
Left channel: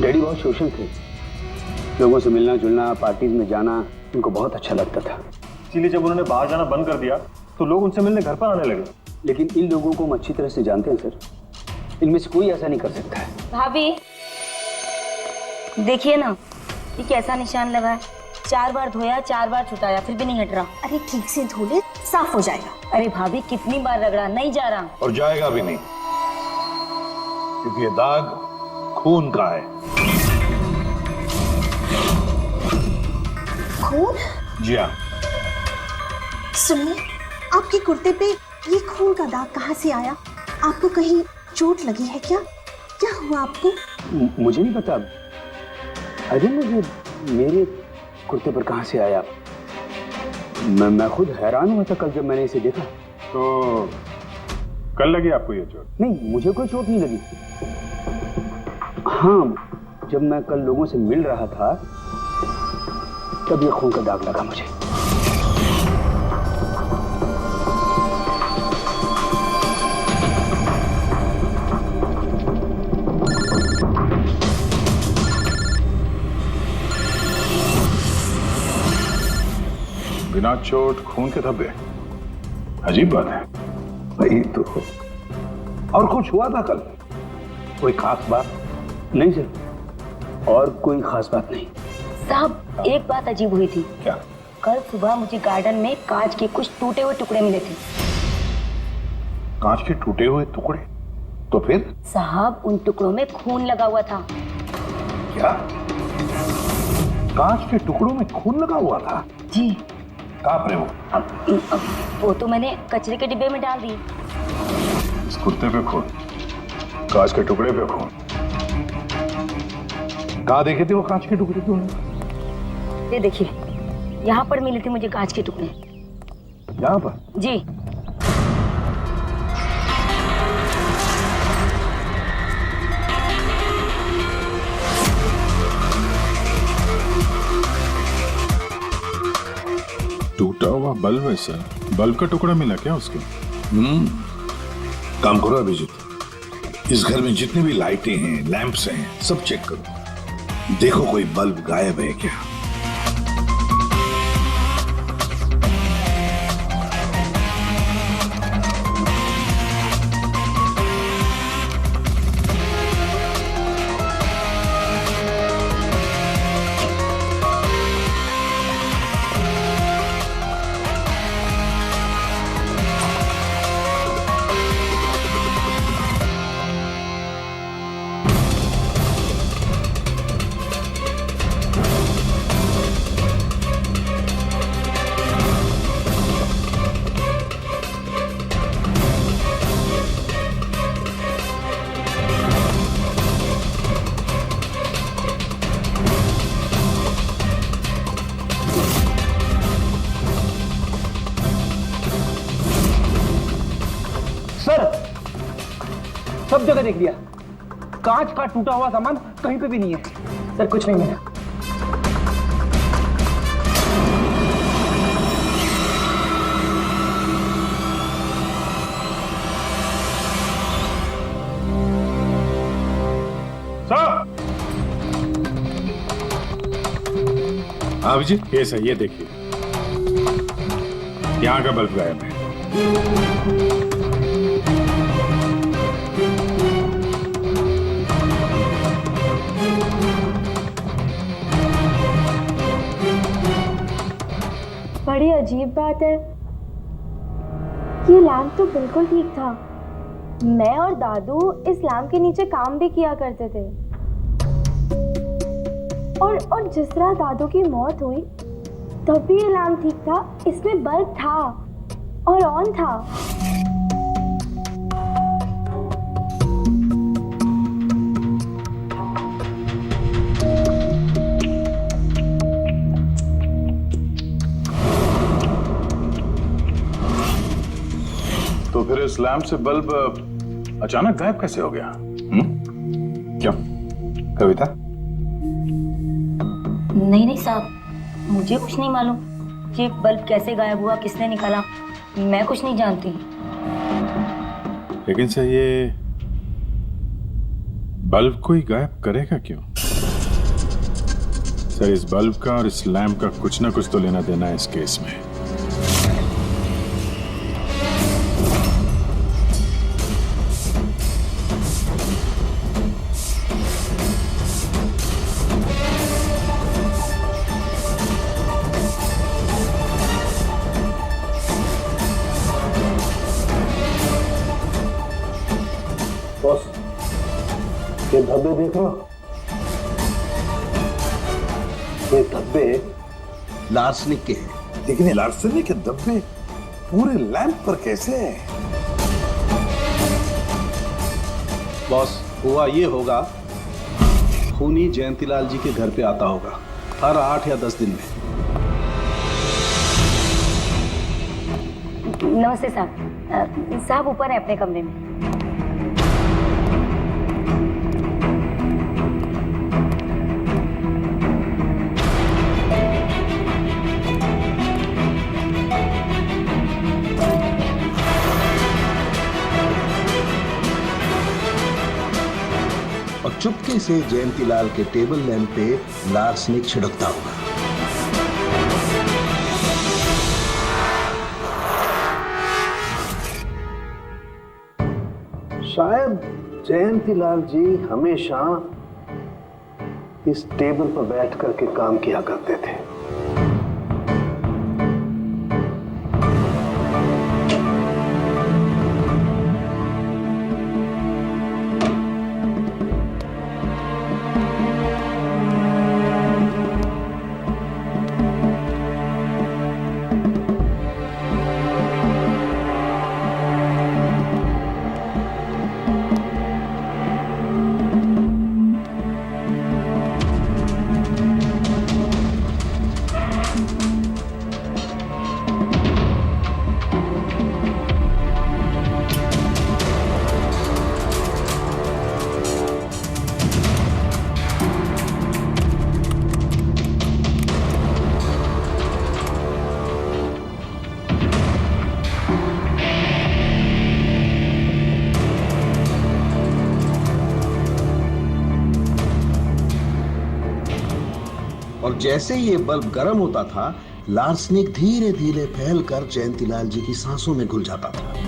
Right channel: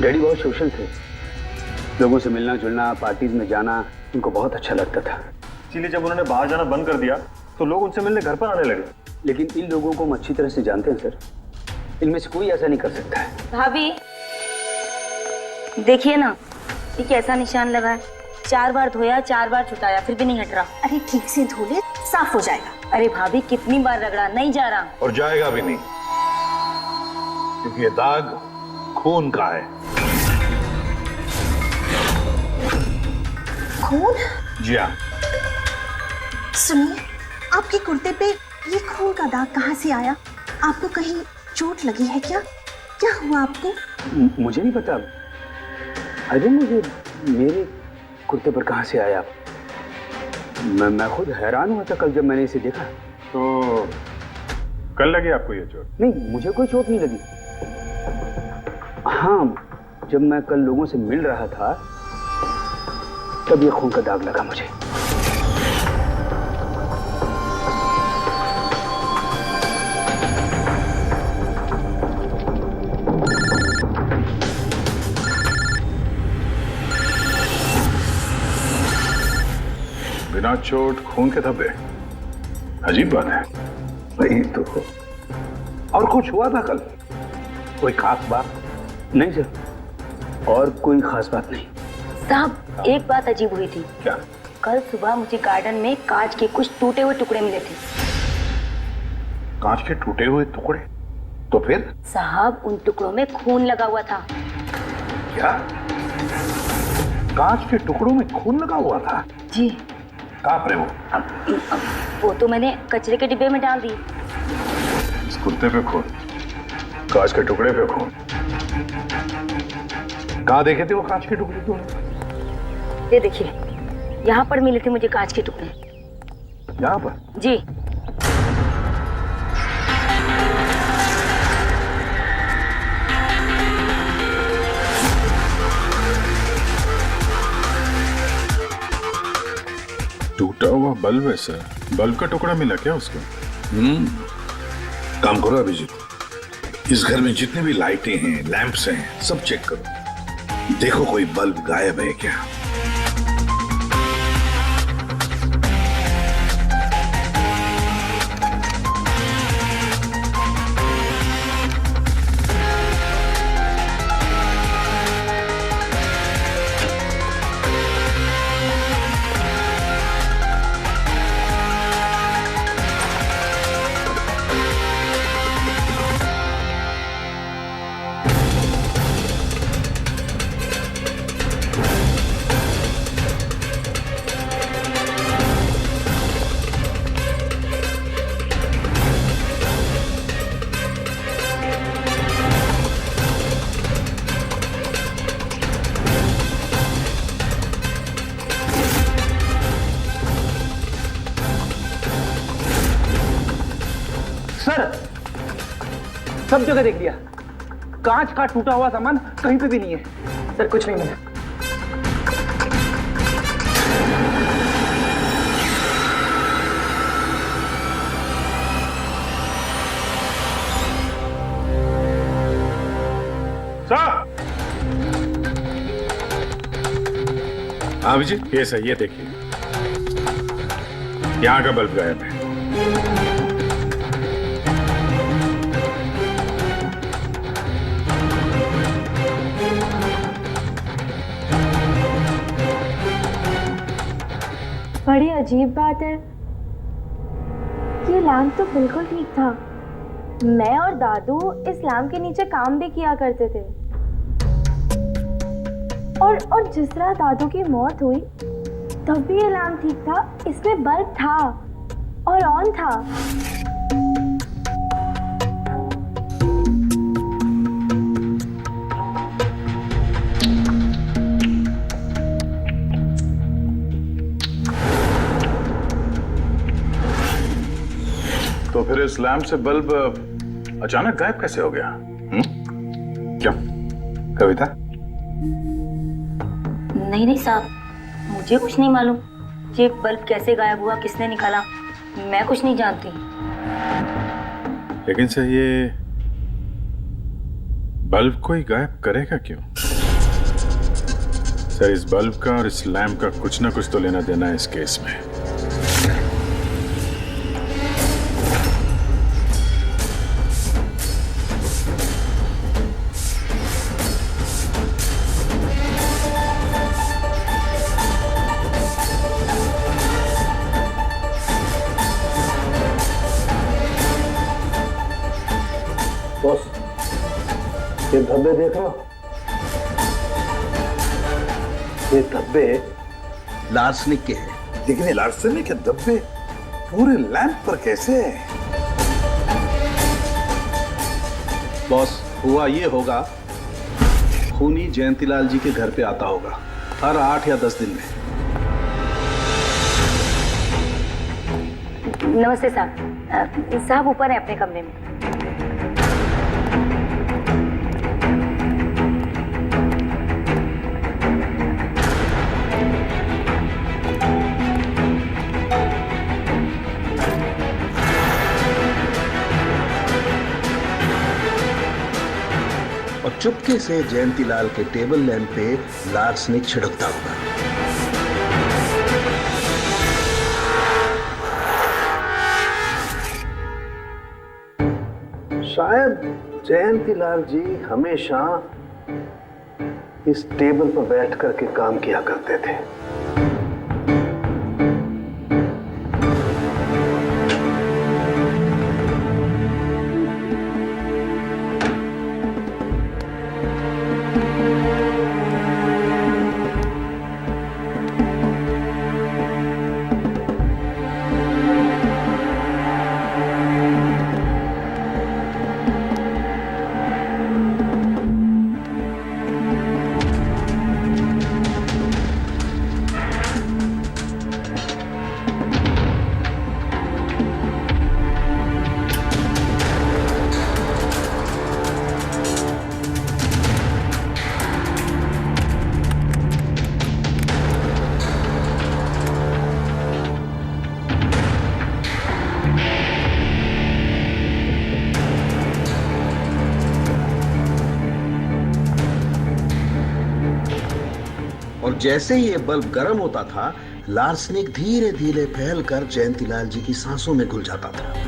डैडी बहुत सोशल थे, लोगों से मिलना जुलना, पार्टीज में जाना उनको बहुत अच्छा लगता था। इसीलिए जब उन्होंने बाहर जाना बंद कर दिया तो लोग उनसे मिलने घर पर आने लगे। लेकिन इन लोगों को हम अच्छी तरह से जानते हैं सर, इनमें से कोई ऐसा नहीं कर सकता है। भाभी देखिए ना, ये कैसा निशान लगा है। 4 बार धोया, 4 बार छुटाया, फिर भी नहीं हट रहा। अरे ठीक से धो ले, साफ हो जाएगा। अरे भाभी कितनी बार रगड़ा, नहीं जा रहा। और जाएगा भी नहीं, क्योंकि ये दाग खून का है। खून? जी हाँ। सुनिए, आपके कुर्ते पे ये खून का दाग कहाँ से आया? आपको कहीं चोट लगी है क्या? क्या हुआ आपको? मुझे नहीं पता। अरे मुझे मेरे कुर्ते पर कहाँ से आया? मैं खुद हैरान हुआ था कल जब मैंने इसे देखा। तो कल लगी आपको ये चोट? नहीं, मुझे कोई चोट नहीं लगी। हाँ, जब मैं कल लोगों से मिल रहा था तब ये खून का दाग लगा मुझे। बिना चोट खून के धब्बे, अजीब बात है। वही तो। और कुछ हुआ था कल? कोई खास बात? नहीं सर, और कोई खास बात नहीं। साहब एक बात अजीब हुई थी। क्या? कल सुबह मुझे गार्डन में कांच के कुछ टूटे हुए टुकड़े मिले थे। कांच के टूटे हुए टुकड़े? तो फिर? साहब उन टुकड़ों में खून लगा हुआ था। क्या? कांच के टुकड़ों में खून लगा हुआ था? जी। कहाँ पर है वो? वो तो मैंने कचरे के डिब्बे में डाल दी। इस कुत्ते पे खून, कांच के टुकड़े पे खून। कहाँ देखे थे वो कांच के टुकड़े तुमने? ये देखिए, यहाँ पर मिले थे मुझे कांच के टुकड़े। यहाँ पर? जी। टूटा हुआ बल्ब है सर। बल्ब का टुकड़ा मिला क्या उसको? काम करो अभिजीत, इस घर में जितनी भी लाइटें हैं, लैंप्स हैं, सब चेक करो, देखो कोई बल्ब गायब है क्या। सर, सब जगह देख लिया, कांच का टूटा हुआ सामान कहीं पे भी नहीं है। सर कुछ नहीं है। सर! हाँ अभिजीत, ये सही, ये देखिए, यहाँ का बल्ब गायब है। बड़ी अजीब बात है, ये लैम्प तो बिल्कुल ठीक था। मैं और दादू इस लैम्प के नीचे काम भी किया करते थे, और जिस तरह दादू की मौत हुई तब भी ये लैम्प ठीक था, इसमें बल्ब था और ऑन था। तो फिर इस लैम्प से बल्ब अचानक गायब कैसे हो गया? क्यों कविता? नहीं साहब, मुझे कुछ नहीं मालूम ये बल्ब कैसे गायब हुआ, किसने निकाला, मैं कुछ नहीं जानती। लेकिन सर ये बल्ब कोई गायब करेगा क्यों? सर इस बल्ब का और इस लैम्प का कुछ ना कुछ तो लेना देना है इस केस में। बॉस, ये धब्बे देख रहे हो? ये धब्बे लार्सनिक के हैं। लेकिन ये लार्सनिक के धब्बे पूरे लैंप पर कैसे है? बॉस, हुआ ये होगा, खूनी जयंतीलाल जी के घर पे आता होगा हर 8 या 10 दिन में। नमस्ते साहब। साहब ऊपर है अपने कमरे में। और चुपके से जयंतीलाल के टेबल लैंप पे लार्सनिक छिड़कता होगा। शायद जयंतीलाल जी हमेशा इस टेबल पर बैठ करके काम किया करते थे। और जैसे ही ये बल्ब गर्म होता था, लार्सनिक धीरे धीरे फैलकर जयंतीलाल जी की सांसों में घुल जाता था।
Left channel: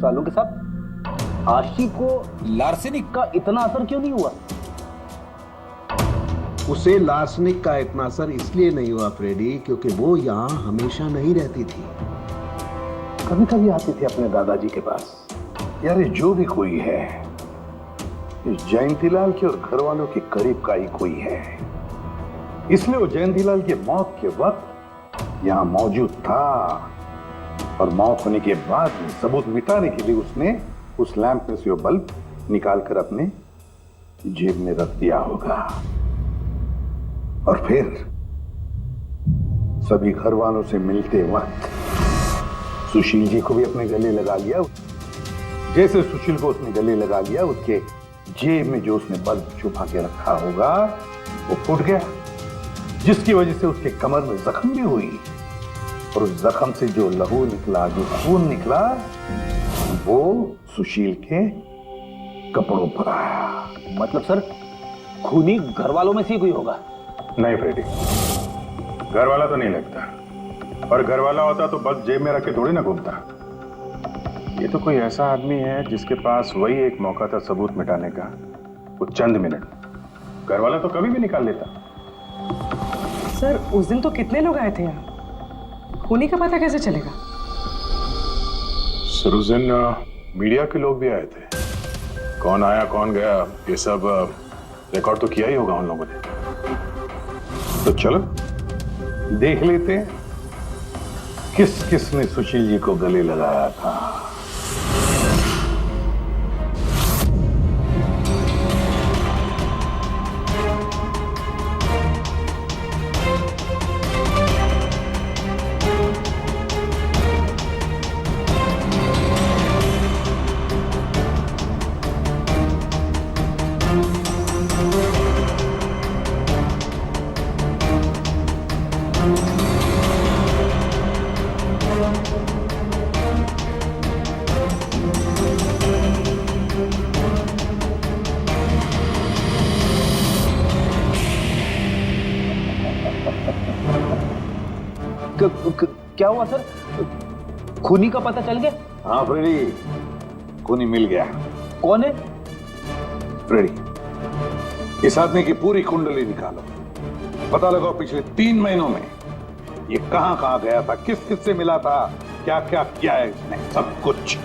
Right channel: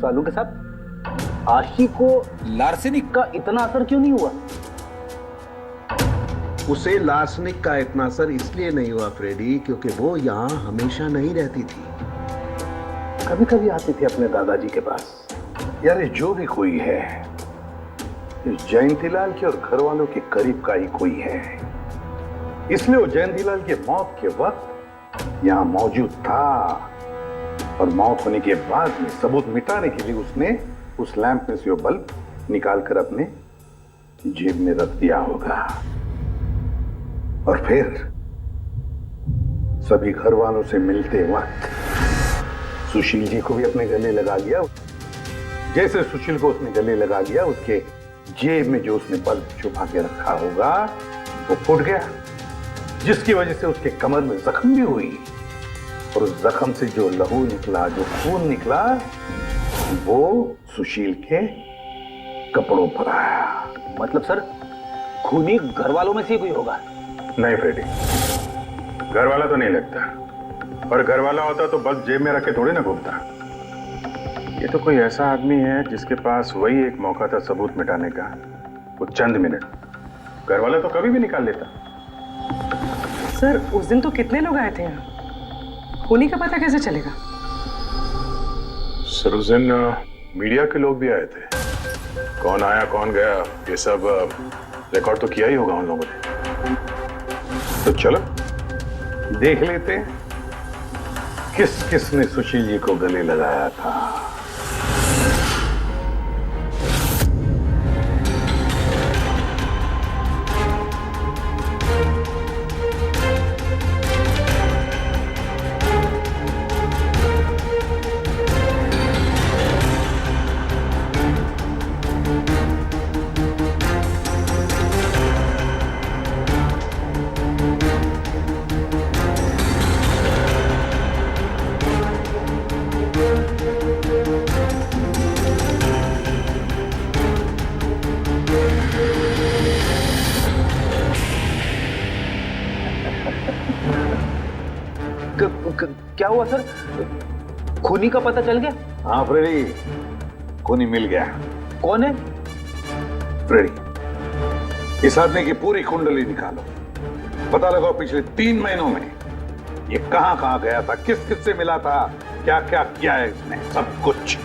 सालू के साथ आशी को लार्सेनिक का इतना असर क्यों नहीं हुआ? उसे लार्सनिक का इतना असर इसलिए नहीं हुआ फ्रेडी, क्योंकि वो यहां हमेशा नहीं रहती थी, कभी कभी आती थी अपने दादाजी के पास। यार ये जो भी कोई है, इस जयंतीलाल के और घर वालों के करीब का ही कोई है, इसलिए वो जयंतीलाल के मौत के वक्त यहां मौजूद था, और मौत होने के बाद में सबूत मिटाने के लिए उसने उस लैंप में से वो बल्ब निकालकर अपने जेब में रख दिया होगा, और फिर सभी घर वालों से मिलते वक्त सुशील जी को भी अपने गले लगा लिया। जैसे सुशील को उसने गले लगा लिया, उसके जेब में जो उसने बल्ब छुपा के रखा होगा वो फूट गया, जिसकी वजह से उसके कमर में जख्म भी हुई, और उस जख्म से जो लहू निकला, जो खून निकला, वो सुशील के कपड़ों पर आया। मतलब सर, खूनी घर वालों में से कोई होगा? नहीं फ्रेडी, घर वाला तो नहीं लगता, और घर वाला होता तो बस जेब में रख के थोड़ी ना घूमता। ये तो कोई ऐसा आदमी है जिसके पास वही एक मौका था सबूत मिटाने का, वो चंद मिनट। घर वाला तो कभी भी निकाल लेता। सर उस दिन तो कितने लोग आए थे यहाँ, खूनी का पता कैसे चलेगा? सर उस दिन मीडिया के लोग भी आए थे, कौन आया कौन गया ये सब रिकॉर्ड तो किया ही होगा उन लोगों ने। तो चलो देख लेते हैं किस किस ने सुशील जी को गले लगाया था। क्या हुआ सर, खूनी का पता चल गया? हाँ फ्रेडी, खूनी मिल गया। कौन है? फ्रेडी, इस आदमी की पूरी कुंडली निकालो, पता लगाओ पिछले 3 महीनों में ये कहां कहां गया था, किस किस से मिला था, क्या क्या किया है इसने, सब कुछ।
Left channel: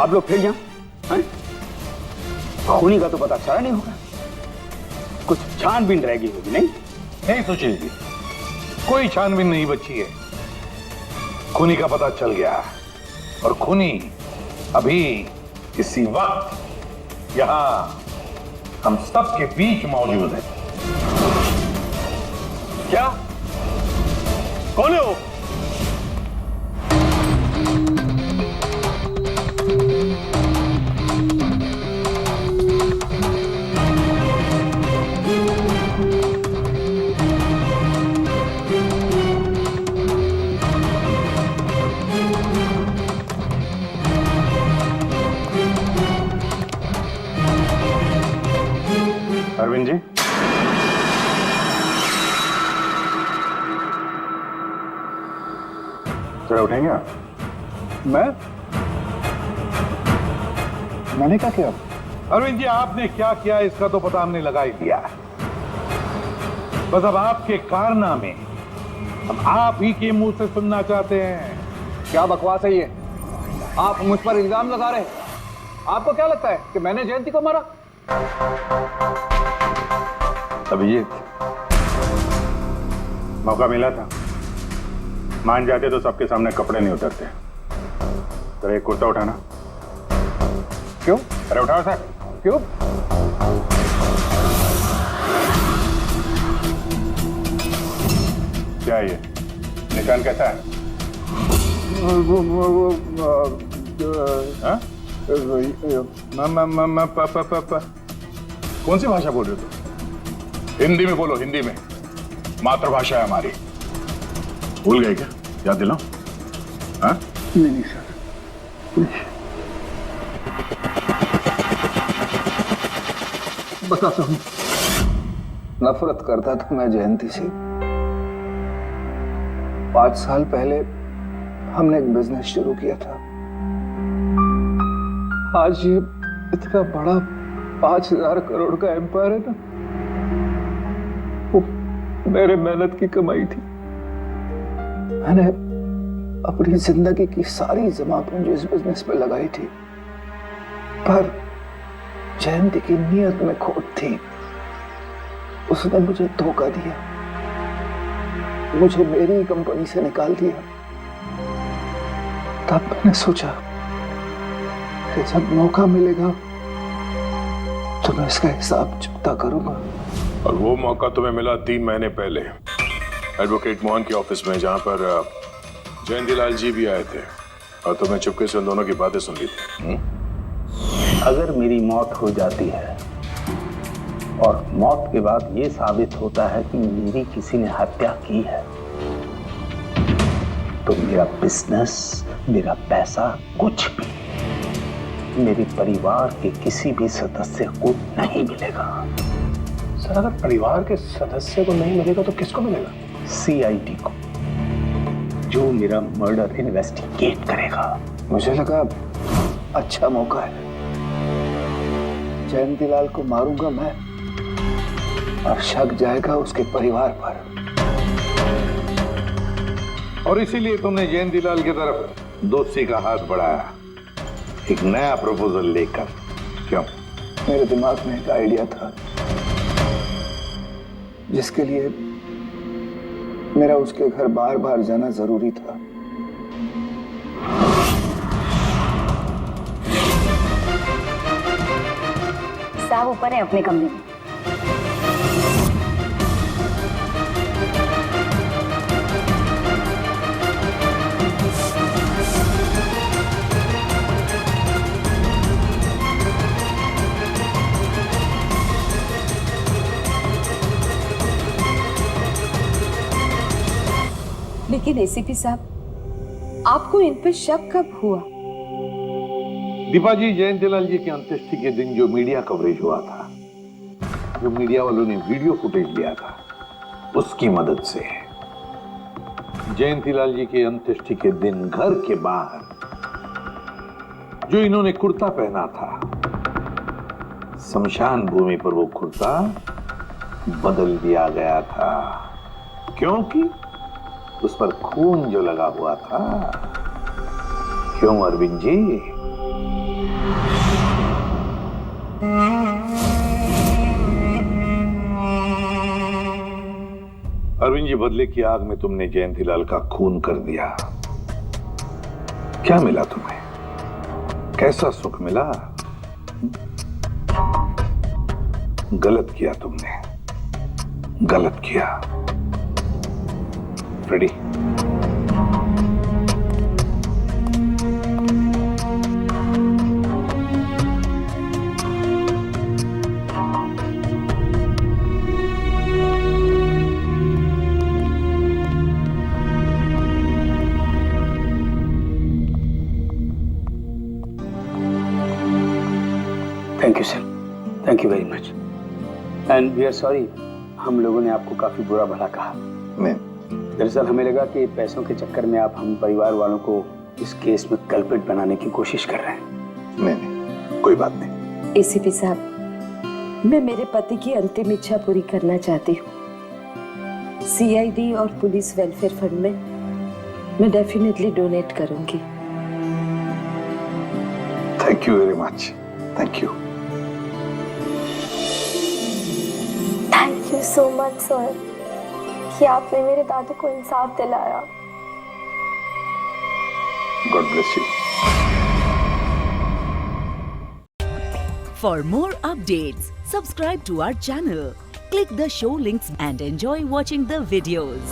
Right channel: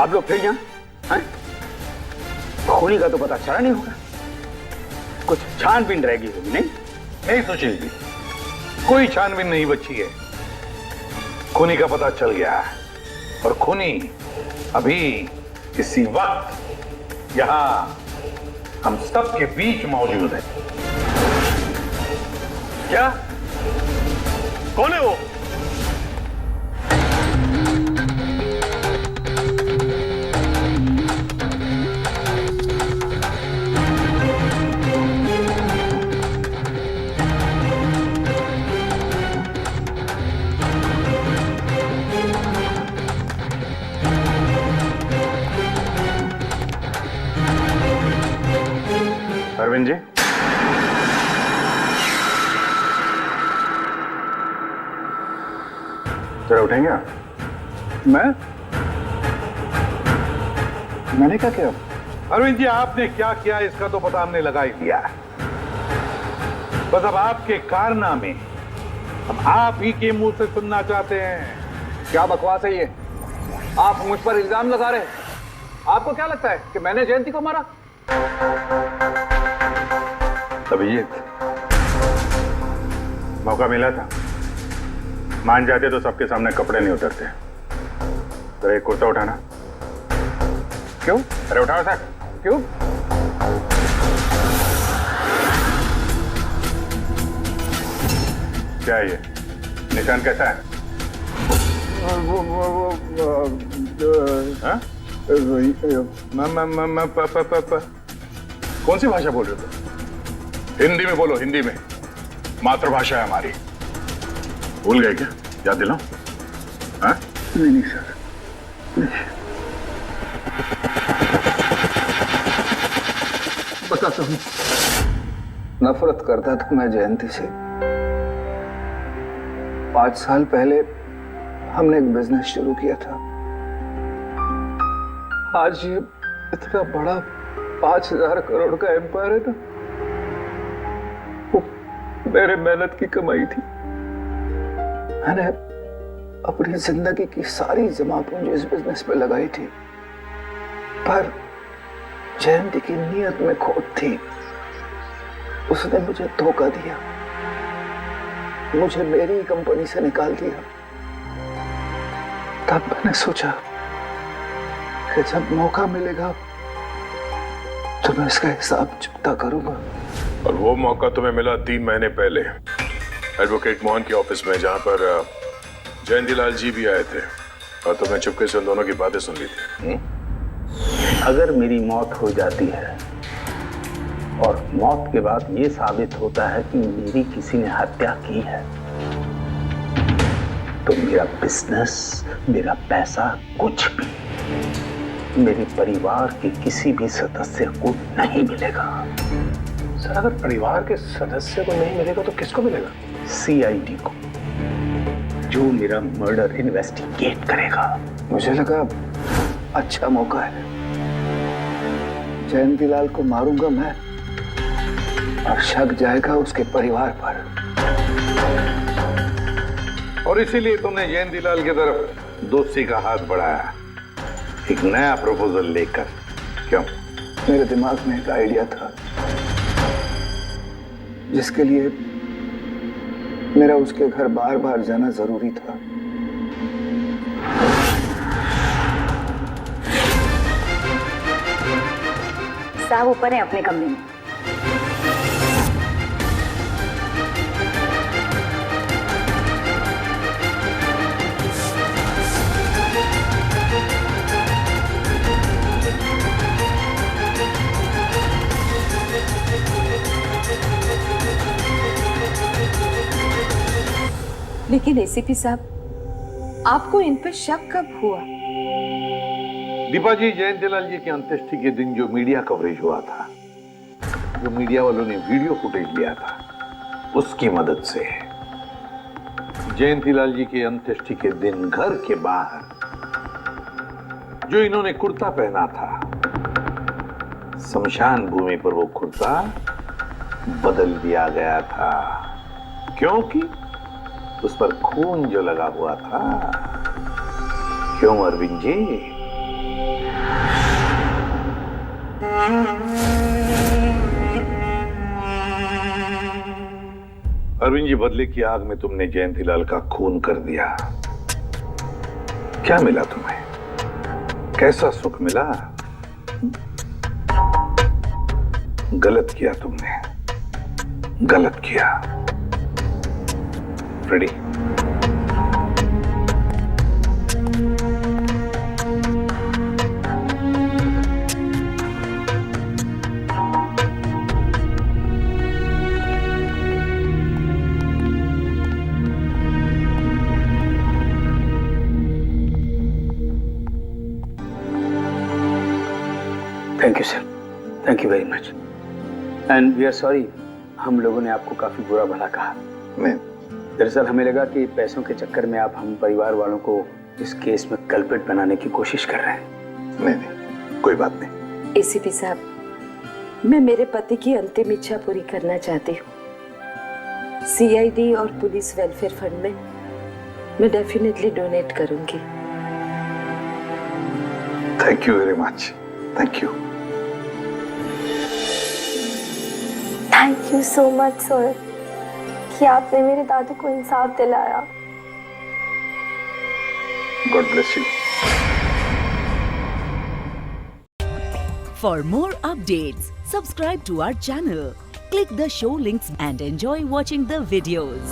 आप लोग फिर यहाँ हैं? खूनी का तो पता चला नहीं होगा, कुछ छानबीन रहेगी होगी। नहीं नहीं सुशील जी, कोई छानबीन नहीं बची है, खूनी का पता चल गया है, और खूनी अभी इसी वक्त यहां हम सब के बीच मौजूद है। क्या? कौन है वो? अरविंद जी, जरा उठेंगे आप? मैंने क्या किया? अरविंद जी, आपने क्या किया इसका तो पता हमने लगा ही लिया है। बस अब आपके कारनामे हम आप ही के मुंह से सुनना चाहते हैं। क्या बकवास है ये? आप मुझ पर इल्जाम लगा रहे हैं। आपको क्या लगता है कि मैंने जयंती को मारा? अभिजीत, मौका मिला था, मान जाते तो सबके सामने कपड़े नहीं उतरते। तेरा एक कुर्ता उठाना। क्यों? अरे उठाओ सर। क्यों? क्या है ये? निशान कैसा है? हाँ? कौन सी भाषा बोल रहे हो तुम? हिंदी में बोलो, हिंदी में। मातृभाषा है हमारी। भूल गए क्या? याद दिलाओ। हाँ? नहीं सर, बताता हूँ। नफरत करता था मैं जयंती से। 5 साल पहले हमने एक बिजनेस शुरू किया था। आज ये इतना बड़ा 5,000 करोड़ का एम्पायर है ना, वो मेरे मेहनत की कमाई थी। मैंने अपनी जिंदगी की सारी जमा पूंजी इस बिजनेस पे लगाई थी, पर जयंती की नीयत में खोट थी। उसने मुझे धोखा दिया, मुझे मेरी ही कंपनी से निकाल दिया। तब मैंने सोचा कि जब मौका मिलेगा तो मैं इसका हिसाब चुकता करूंगा। और वो मौका तुम्हें मिला 3 महीने पहले एडवोकेट मोहन के ऑफिस में, जहां पर जयंती लाल जी भी आए थे और तुमने चुपके से उन दोनों की बातें सुन ली थी। अगर मेरी मौत हो जाती है और मौत के बाद ये साबित होता है कि मेरी किसी ने हत्या की है, तो मेरा बिजनेस, मेरा पैसा, कुछ भी मेरे परिवार के किसी भी सदस्य को नहीं मिलेगा। सर, अगर परिवार के सदस्य को नहीं मिलेगा तो किसको मिलेगा? CID को, जो मेरा मर्डर इन्वेस्टिगेट करेगा। मुझे लगा अच्छा मौका है। जयंती लाल को मारूंगा मैं और शक जाएगा उसके परिवार पर। और इसीलिए तुमने जयंती लाल की तरफ दोस्ती का हाथ बढ़ाया, एक नया प्रपोजल लेकर। क्यों? मेरे दिमाग में एक आइडिया था जिसके लिए मेरा उसके घर बार बार जाना जरूरी था। साहब ऊपर है अपने कमरे में। लेकिन एसीपी साहब, आपको इन पे शक कब हुआ? दीपा जी, जयंतीलाल जी की अंत्येष्टि के दिन जो मीडिया कवरेज हुआ था, जो मीडिया वालों ने वीडियो फुटेज लिया था, उसकी मदद से जयंतीलाल जी के अंत्येष्टि के दिन घर के बाहर जो इन्होंने कुर्ता पहना था, शमशान भूमि पर वो कुर्ता बदल दिया गया था, क्योंकि उस पर खून जो लगा हुआ था। क्यों अरविंद जी? अरविंद जी, बदले की आग में तुमने जयंतीलाल का खून कर दिया। क्या मिला तुम्हें? कैसा सुख मिला? गलत किया तुमने, गलत किया। Ready? Thank you sir, thank you very much. And we are sorry, हम लोगों ने आपको काफी बुरा भला कहा। दरअसल हमें लगा कि पैसों के चक्कर में आप हम परिवार वालों को इस केस में कल्प्रिट बनाने की कोशिश कर रहे हैं। नहीं, कोई बात नहीं। एसीपी साहब, मैं मेरे पति की अंतिम इच्छा पूरी करना चाहती हूँ। सीआईडी और पुलिस वेलफेयर फंड में मैं डेफिनेटली डोनेट करूंगी। Thank you very much, thank you. Thank you so much sir कि आपने मेरे दादू को इंसाफ दिलाया। God bless you. For more updates, subscribe to our channel, click the show links and enjoy watching the videos.